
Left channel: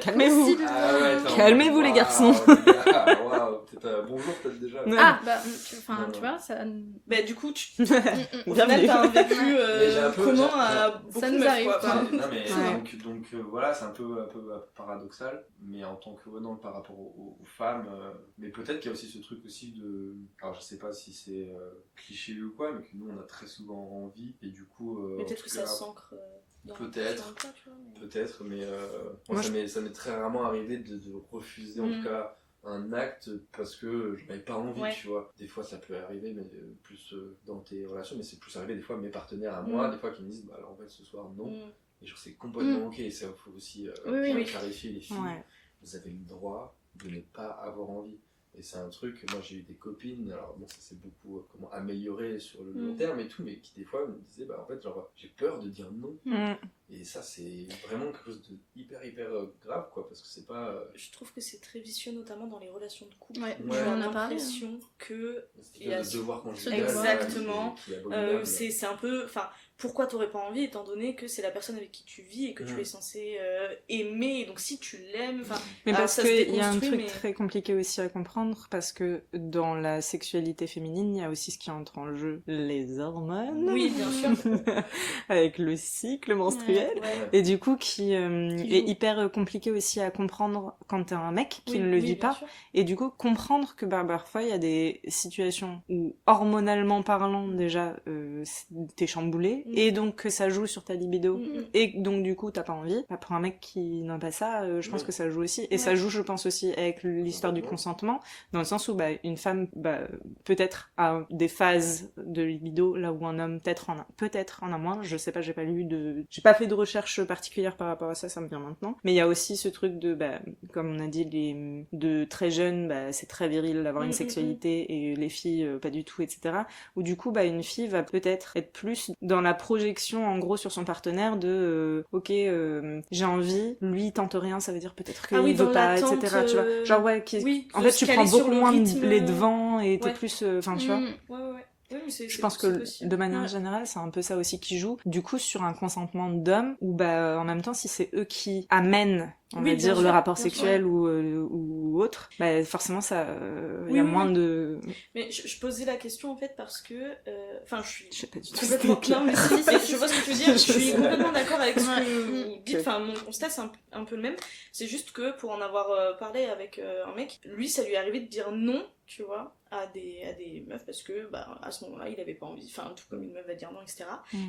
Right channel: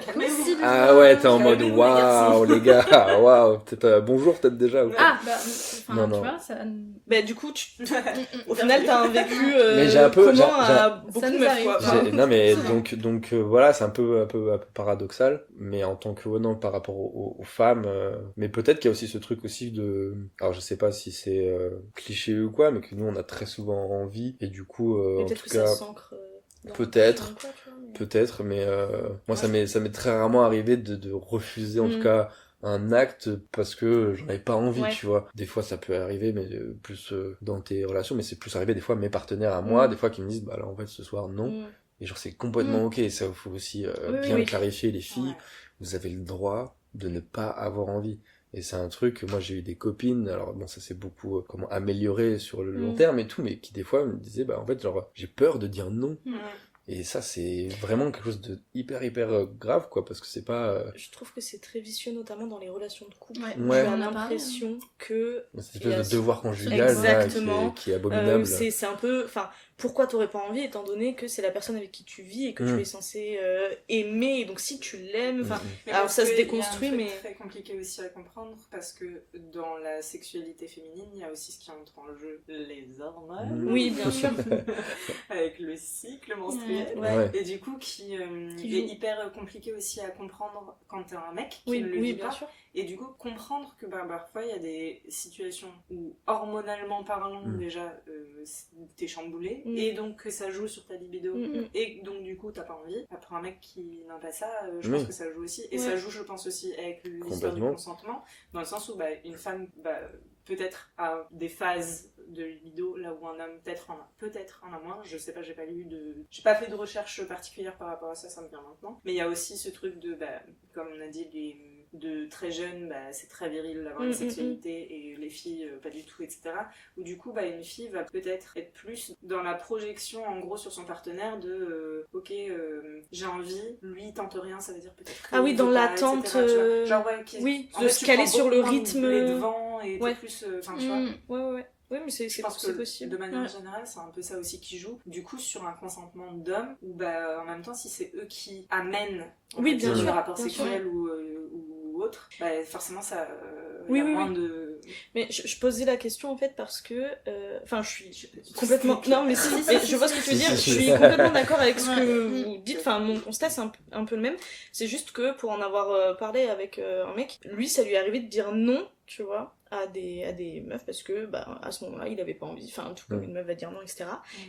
Calmez-vous. ah ouais, t'es en mode Calmez-vous, les garçons. les gars, waouh, peut-être bonjour peut-être déjà. ah bah enfin tu vois ça bah du coup au final t'as un vécu mais j'ai un peu commun à beaucoup ça de nous meufs, arrive, quoi. quoi. non mais Ouais. donc voilà, c'est un peu paradoxal, mais en tant que non, par rapport aux femmes, mais peut-être qu'il y a aussi ce truc aussi de, alors je sais pas si c'est cliché ou quoi, mais que nous on a très souvent envie, et du coup Mais en peut-être tout que cas ça s'ancre dans peut-être dans le cas, tu vois, mais... peut-être, mais moi Moi, ça m'est très rarement arrivé de refuser en tout cas un acte parce que j'en avais pas envie, tu vois. Des fois ça peut arriver, mais plus dans tes relations, mais c'est plus arrivé des fois mes partenaires à moi, des fois qui me disent bah là en fait ce soir non, et genre c'est complètement ok, ça faut aussi bien clarifier, les filles, vous avez le droit de ne pas avoir envie. Et c'est un truc, moi j'ai eu des copines, alors bon ça s'est beaucoup comment améliorer sur le long terme et tout, mais qui des fois me disaient bah en fait genre j'ai peur de dire non. Et ça c'est vraiment quelque chose de hyper grave quoi, parce que c'est pas... Je trouve que c'est très vicieux, notamment dans les relations de couple. Ouais. J'ai On a l'impression que... C'est une espèce de devoir conjugal exactement, là, qui est abominable. C'est un peu... Enfin, pourquoi t'aurais pas envie, étant donné que c'est la personne avec qui tu vis et que tu es censé aimer, et donc si tu l'aimes... Enfin, mais alors parce ça se qu'il y a un déconstruit, truc mais... très compliqué aussi à comprendre, parce que dans la sexualité féminine, il y a aussi ce qui entre en jeu, les hormones. Oui, bien sûr. Avec le cycle menstruel. Ouais. Et du coup, qui est hyper compliqué aussi à comprendre quand t'es un mec qui ne le vit pas. Sûr. Et du coup, comprendre que parfois, il y a des situations où, hormonalement parlant, déjà, t'es chamboulé, et donc que ça joue sur ta libido, et donc du coup, t'as pas envie. Bah, pour un mec qui n'a pas ça, je pense que ça joue aussi. Et ça joue, je pense, aussi avec l'histoire du consentement, dans le sens où une femme, peut-être, a des phases de libido, là où un homme peut-être en a moins. Je sais pas, j'ai pas fait de recherche particulière par rapport à ça, ça me vient maintenant. Mais il y a aussi ce truc de, comme on a dit, de très jeunes, c'est très viril d'avoir une sexualité, et les filles, pas du tout, etc. Où du coup, une fille va peut-être être plus dans la projection, en gros, sur son partenaire de, j'ai envie, lui, il tente rien, ça veut dire peut-être que dans l'attente, etc. Tu vois, genre, en fait, tu prends sur beaucoup le moins rythme, les devants, et t'es plus, enfin, tu vois. Ouais. Oui, mais je pense que possible. de manière générale, c'est un peu ça aussi qui joue. Du coup, sur un consentement d'homme, où en même temps, si c'est eux qui amènent, on va dire, le rapport sexuel ou autre, forcément, ça, il y a moins de... Mais je posais la question en fait parce que, enfin, je suis complètement... Non, mais si, je vois ce que tu veux dire. Je suis complètement d'accord avec ce que vous dites. Enfin, mon constat c'est un peu le même. C'est juste que pour en avoir parlé avec un mec, lui, ça lui est arrivé de dire non, tu vois, à des meufs parce que à ce moment-là il avait pas envie, enfin tout comme une meuf va dire non, etc.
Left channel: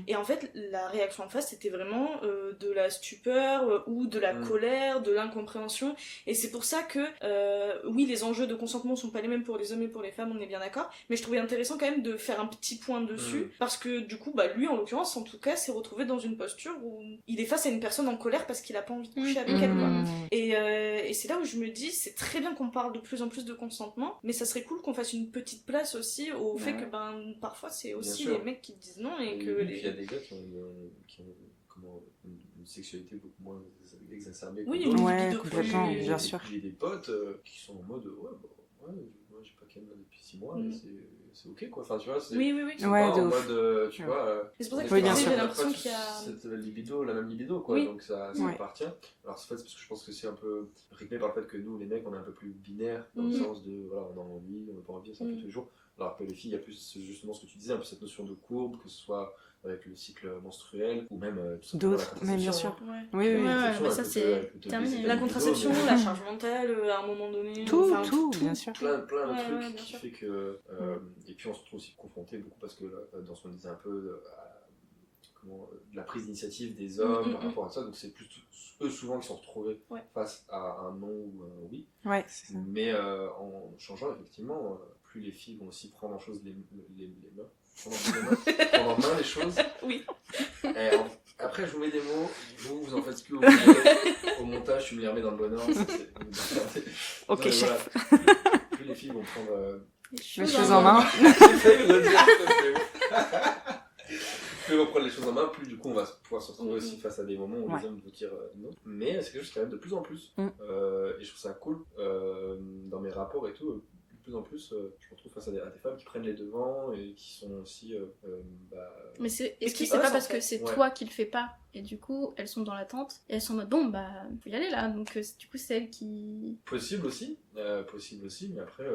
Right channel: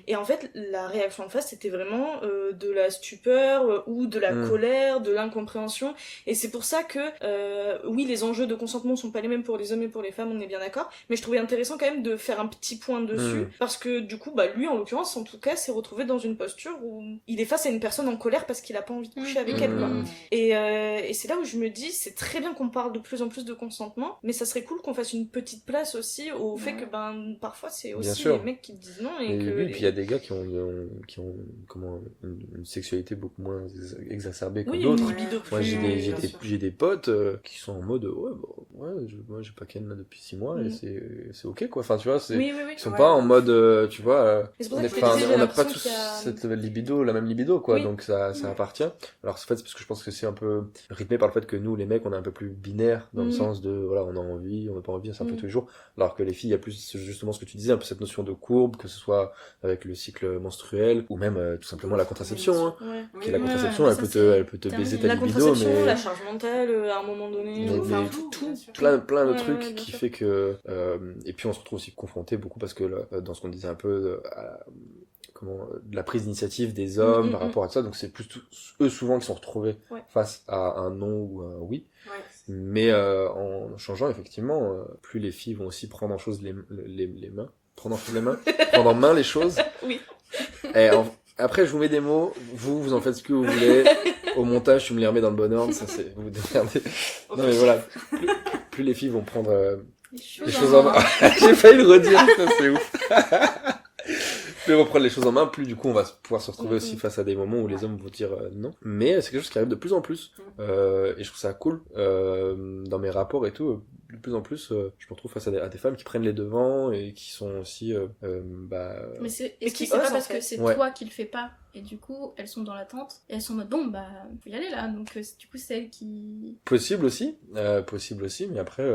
Et en fait la réaction en face c'était vraiment de la stupeur ou de la colère, de l'incompréhension, et c'est pour ça que oui, les enjeux de consentement sont pas les mêmes pour les hommes et pour les femmes, on est bien d'accord, mais je trouvais intéressant quand même de faire un petit point dessus parce que du coup lui en l'occurrence en tout cas s'est retrouvé dans une posture où il est face à une personne en colère parce qu'il a pas envie de coucher avec elle, quoi. Et c'est là où je me dis c'est très bien qu'on parle de plus en plus de consentement, mais ça serait cool qu'on fasse une petite place aussi au fait que parfois c'est aussi les mecs qui disent non, et que puis il y a des gars qui ont comment une sexualité beaucoup moins exacerbée que d'autres. Une libido plus. Moi j'ai des potes qui sont en mode moi j'ai pas ken là depuis 6 mois et c'est ok quoi, enfin tu vois, ils sont pas en mode tu vois, c'est pour ça que on n'a pas tous cette libido, la même libido quoi, donc ça appartient. Alors en fait c'est parce que je pense que c'est un peu rythmé par le fait que nous les mecs on est un peu plus binaire dans le sens de voilà, on a envie, on n'a pas envie, c'est un peu tous les jours, alors que les filles il y a plus justement ce que tu disais, un peu cette notion de courbe, que ce soit avec le cycle menstruel ou même tout simplement la contraception, la contraception elle peut te baisser ta libido, la contraception, la charge mentale à un moment donné, tout, plein de trucs qui fait que et puis on se retrouve aussi confronté beaucoup parce que dans ce qu'on disait un peu de la prise d'initiative des hommes par rapport à ça, donc c'est plus eux souvent qui sont retrouvés face à un non ou un oui, mais en changeant effectivement plus les filles vont aussi prendre en chose les mains, prendre en main les choses. Et après je vous mets des mots, vous en faites ce que vous voulez, au montage tu me les remets dans le bon ordre, ça c'est vous regardez. Non mais voilà, plus les filles vont prendre les choses en main. J'ai failli le redire, ça c'est ouf. plus on prend les choses en main, plus du coup on va pouvoir se retrouver aussi face à des moments où les hommes vont dire non. Mais c'est quelque chose qui arrive de plus en plus. Et je trouve ça cool dans mes rapports et tout. De plus en plus, je me retrouve face à des femmes qui prennent les devants et qui sont aussi... Mais est-ce que c'est pas parce que c'est toi qui le fais pas et du coup elles sont dans l'attente et elles sont en mode bon bah faut y aller là, donc du coup c'est elles qui... Possible aussi, mais après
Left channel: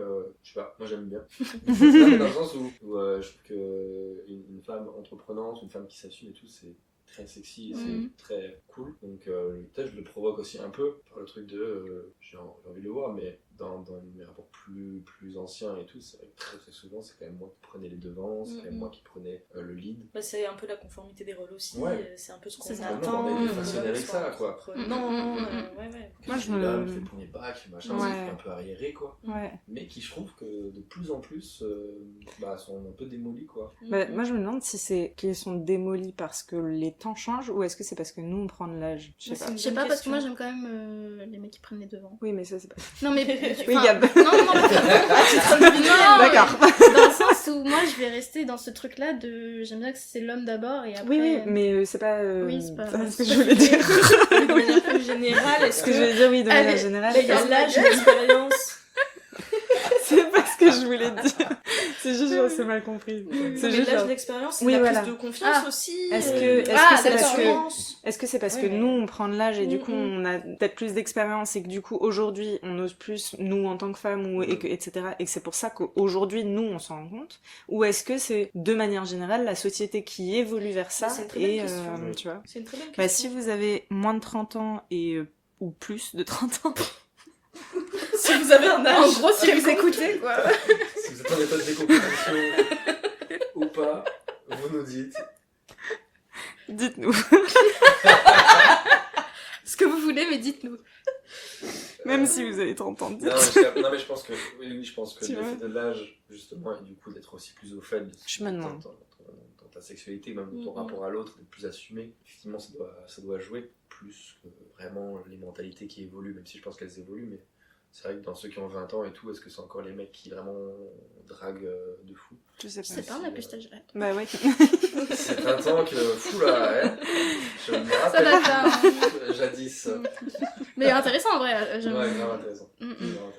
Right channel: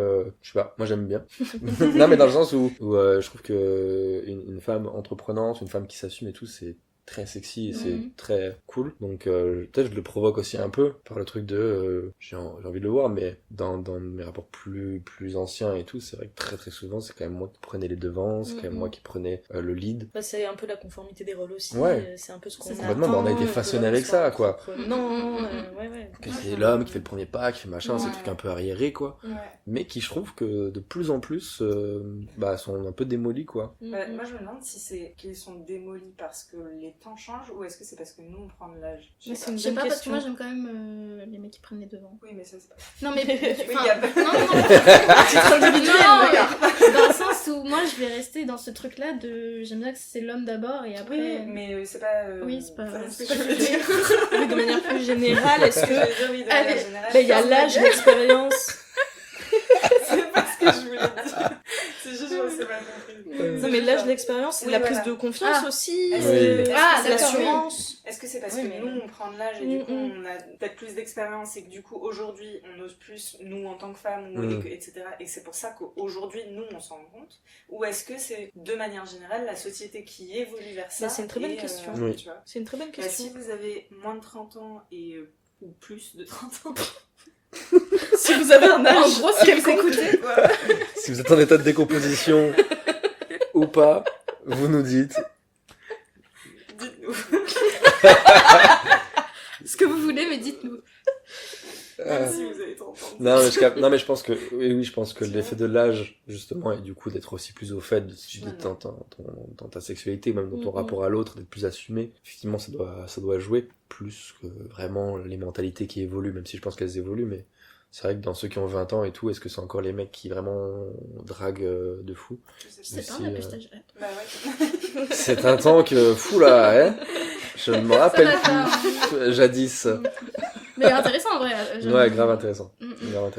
je sais pas, moi j'aime bien. Non mais dans le sens où je trouve que une femme entreprenante, une femme qui s'assume et tout, c'est très sexy et c'est très cool, donc peut-être je le provoque aussi un peu par le truc de j'ai envie de le voir, mais dans mes rapports plus anciens et tout, c'est vrai que très très souvent c'est quand même moi qui prenais les devants, c'est quand même moi qui prenais le lead. Bah, c'est un peu la conformité des rôles aussi, c'est un peu ce qu'on attend. On a été façonné avec ça, quoi. C'est l'homme qui fait le premier pas, qui fait machin, c'est un truc un peu arriéré, quoi. Mais qui je trouve que de plus en plus sont un peu démolis, quoi. Moi je me demande si c'est qu'ils sont démolis parce que les temps changent ou est-ce que c'est parce que nous on prend de l'âge. Je sais pas parce que moi j'aime quand même les mecs qui prennent les devants. Oui mais ça c'est pas... Non mais... oui, non, d'accord. Dans le sens où moi je vais rester dans ce truc là de... J'aime bien que c'est l'homme d'abord et après... Oui mais c'est pas... Oui c'est pas... ce que je voulais dire. De manière plus générale, est-ce que... je voulais dire oui de manière générale. Il y a l'âge, l'expérience... C'est pas ce que je voulais dire. C'est juste que c'est mal compris. Mais l'âge, l'expérience, c'est la prise de confiance aussi. Est-ce l'assurance. Est-ce que c'est parce que nous on prend de l'âge et du coup on a peut-être plus d'expérience et que du coup aujourd'hui on ose plus, nous en tant que femmes, etc. Et que c'est pour ça qu'aujourd'hui nous on s'en rend compte? Ou est-ce que c'est de manière générale la société qui évolue vers ça? C'est une très bonne question. Tu vois, c'est une très bonne question. Si vous avez moins de 30 ans ou plus de 30 ans... Si vous avez un âge, en gros, si vous écoutez, quoi. Si vous êtes en état de décomposition ou pas, vous nous dites. Dites-nous. Ce que vous voulez, mais dites-nous. Même si vous avez 30 ans. Non mais je pense que je pense que l'effet de l'âge justement et du coup d'être aussi plus au fait dans ta sexualité, même dans ton rapport à l'autre, d'être plus assumé, effectivement ça doit jouer plus que vraiment les mentalités qui évoluent, même si je pense qu'elles évoluent, mais c'est vrai que dans ceux qui ont 20 ans et tout, est-ce que c'est encore les mecs qui vraiment draguent de fou? Je sais pas, on a plus cet âge. Bah ouais. C'est un temps que fou là, hein. Je me rappelle jadis. Mais intéressant en vrai. Ouais, grave intéressant.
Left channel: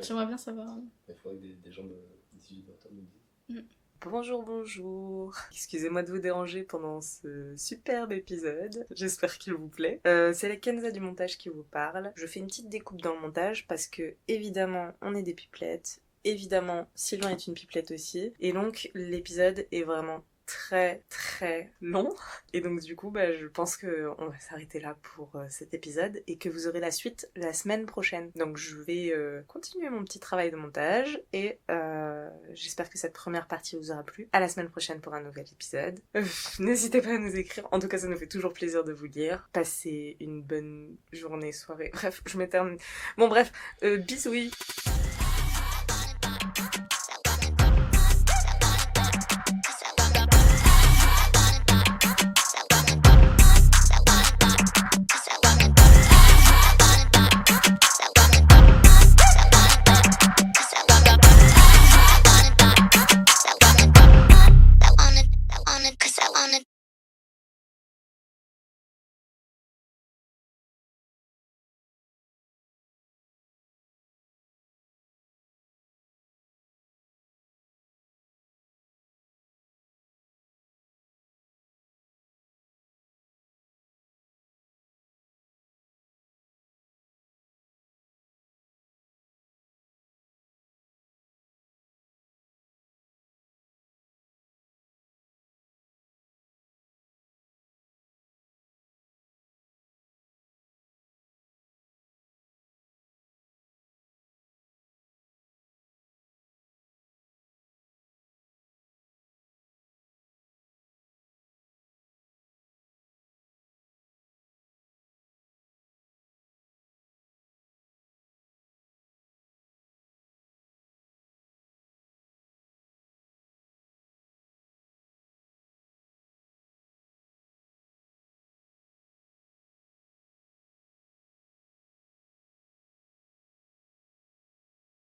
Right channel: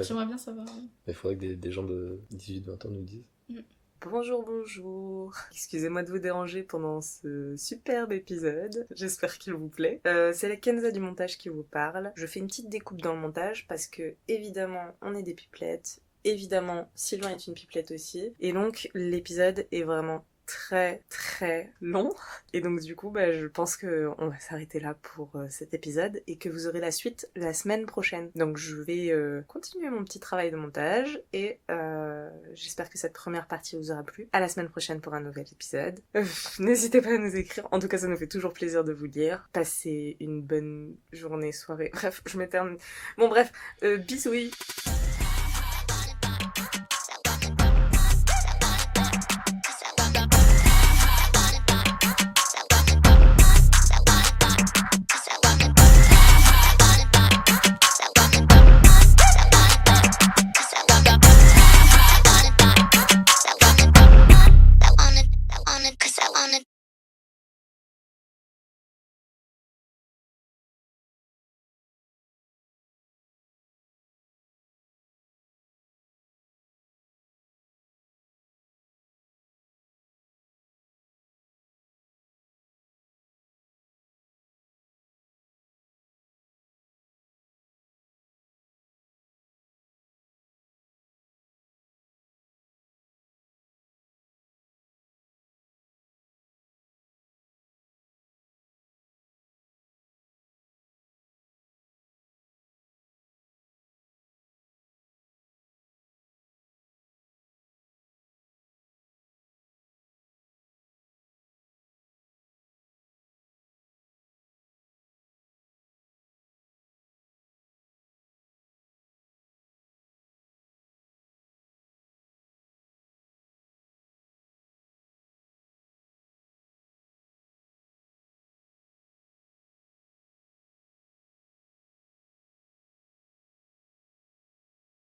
J'aimerais bien savoir. Il faudrait que des gens de 18-20 ans nous disent. Bonjour. Excusez-moi de vous déranger pendant ce superbe épisode. J'espère qu'il vous plaît. C'est la Kenza du montage qui vous parle. Je fais une petite découpe dans le montage parce que, évidemment, on est des pipelettes. Évidemment, Sylvain est une pipelette aussi. Et donc, l'épisode est vraiment très très long et donc du coup je pense que on va s'arrêter là pour cet épisode et que vous aurez la suite la semaine prochaine. Donc je vais continuer mon petit travail de montage et j'espère que cette première partie vous aura plu. À la semaine prochaine pour un nouvel épisode. N'hésitez pas à nous écrire, en tout cas ça nous fait toujours plaisir de vous lire. Passez une bonne journée, soirée, bref je m'éternise. Bon bref, bisous.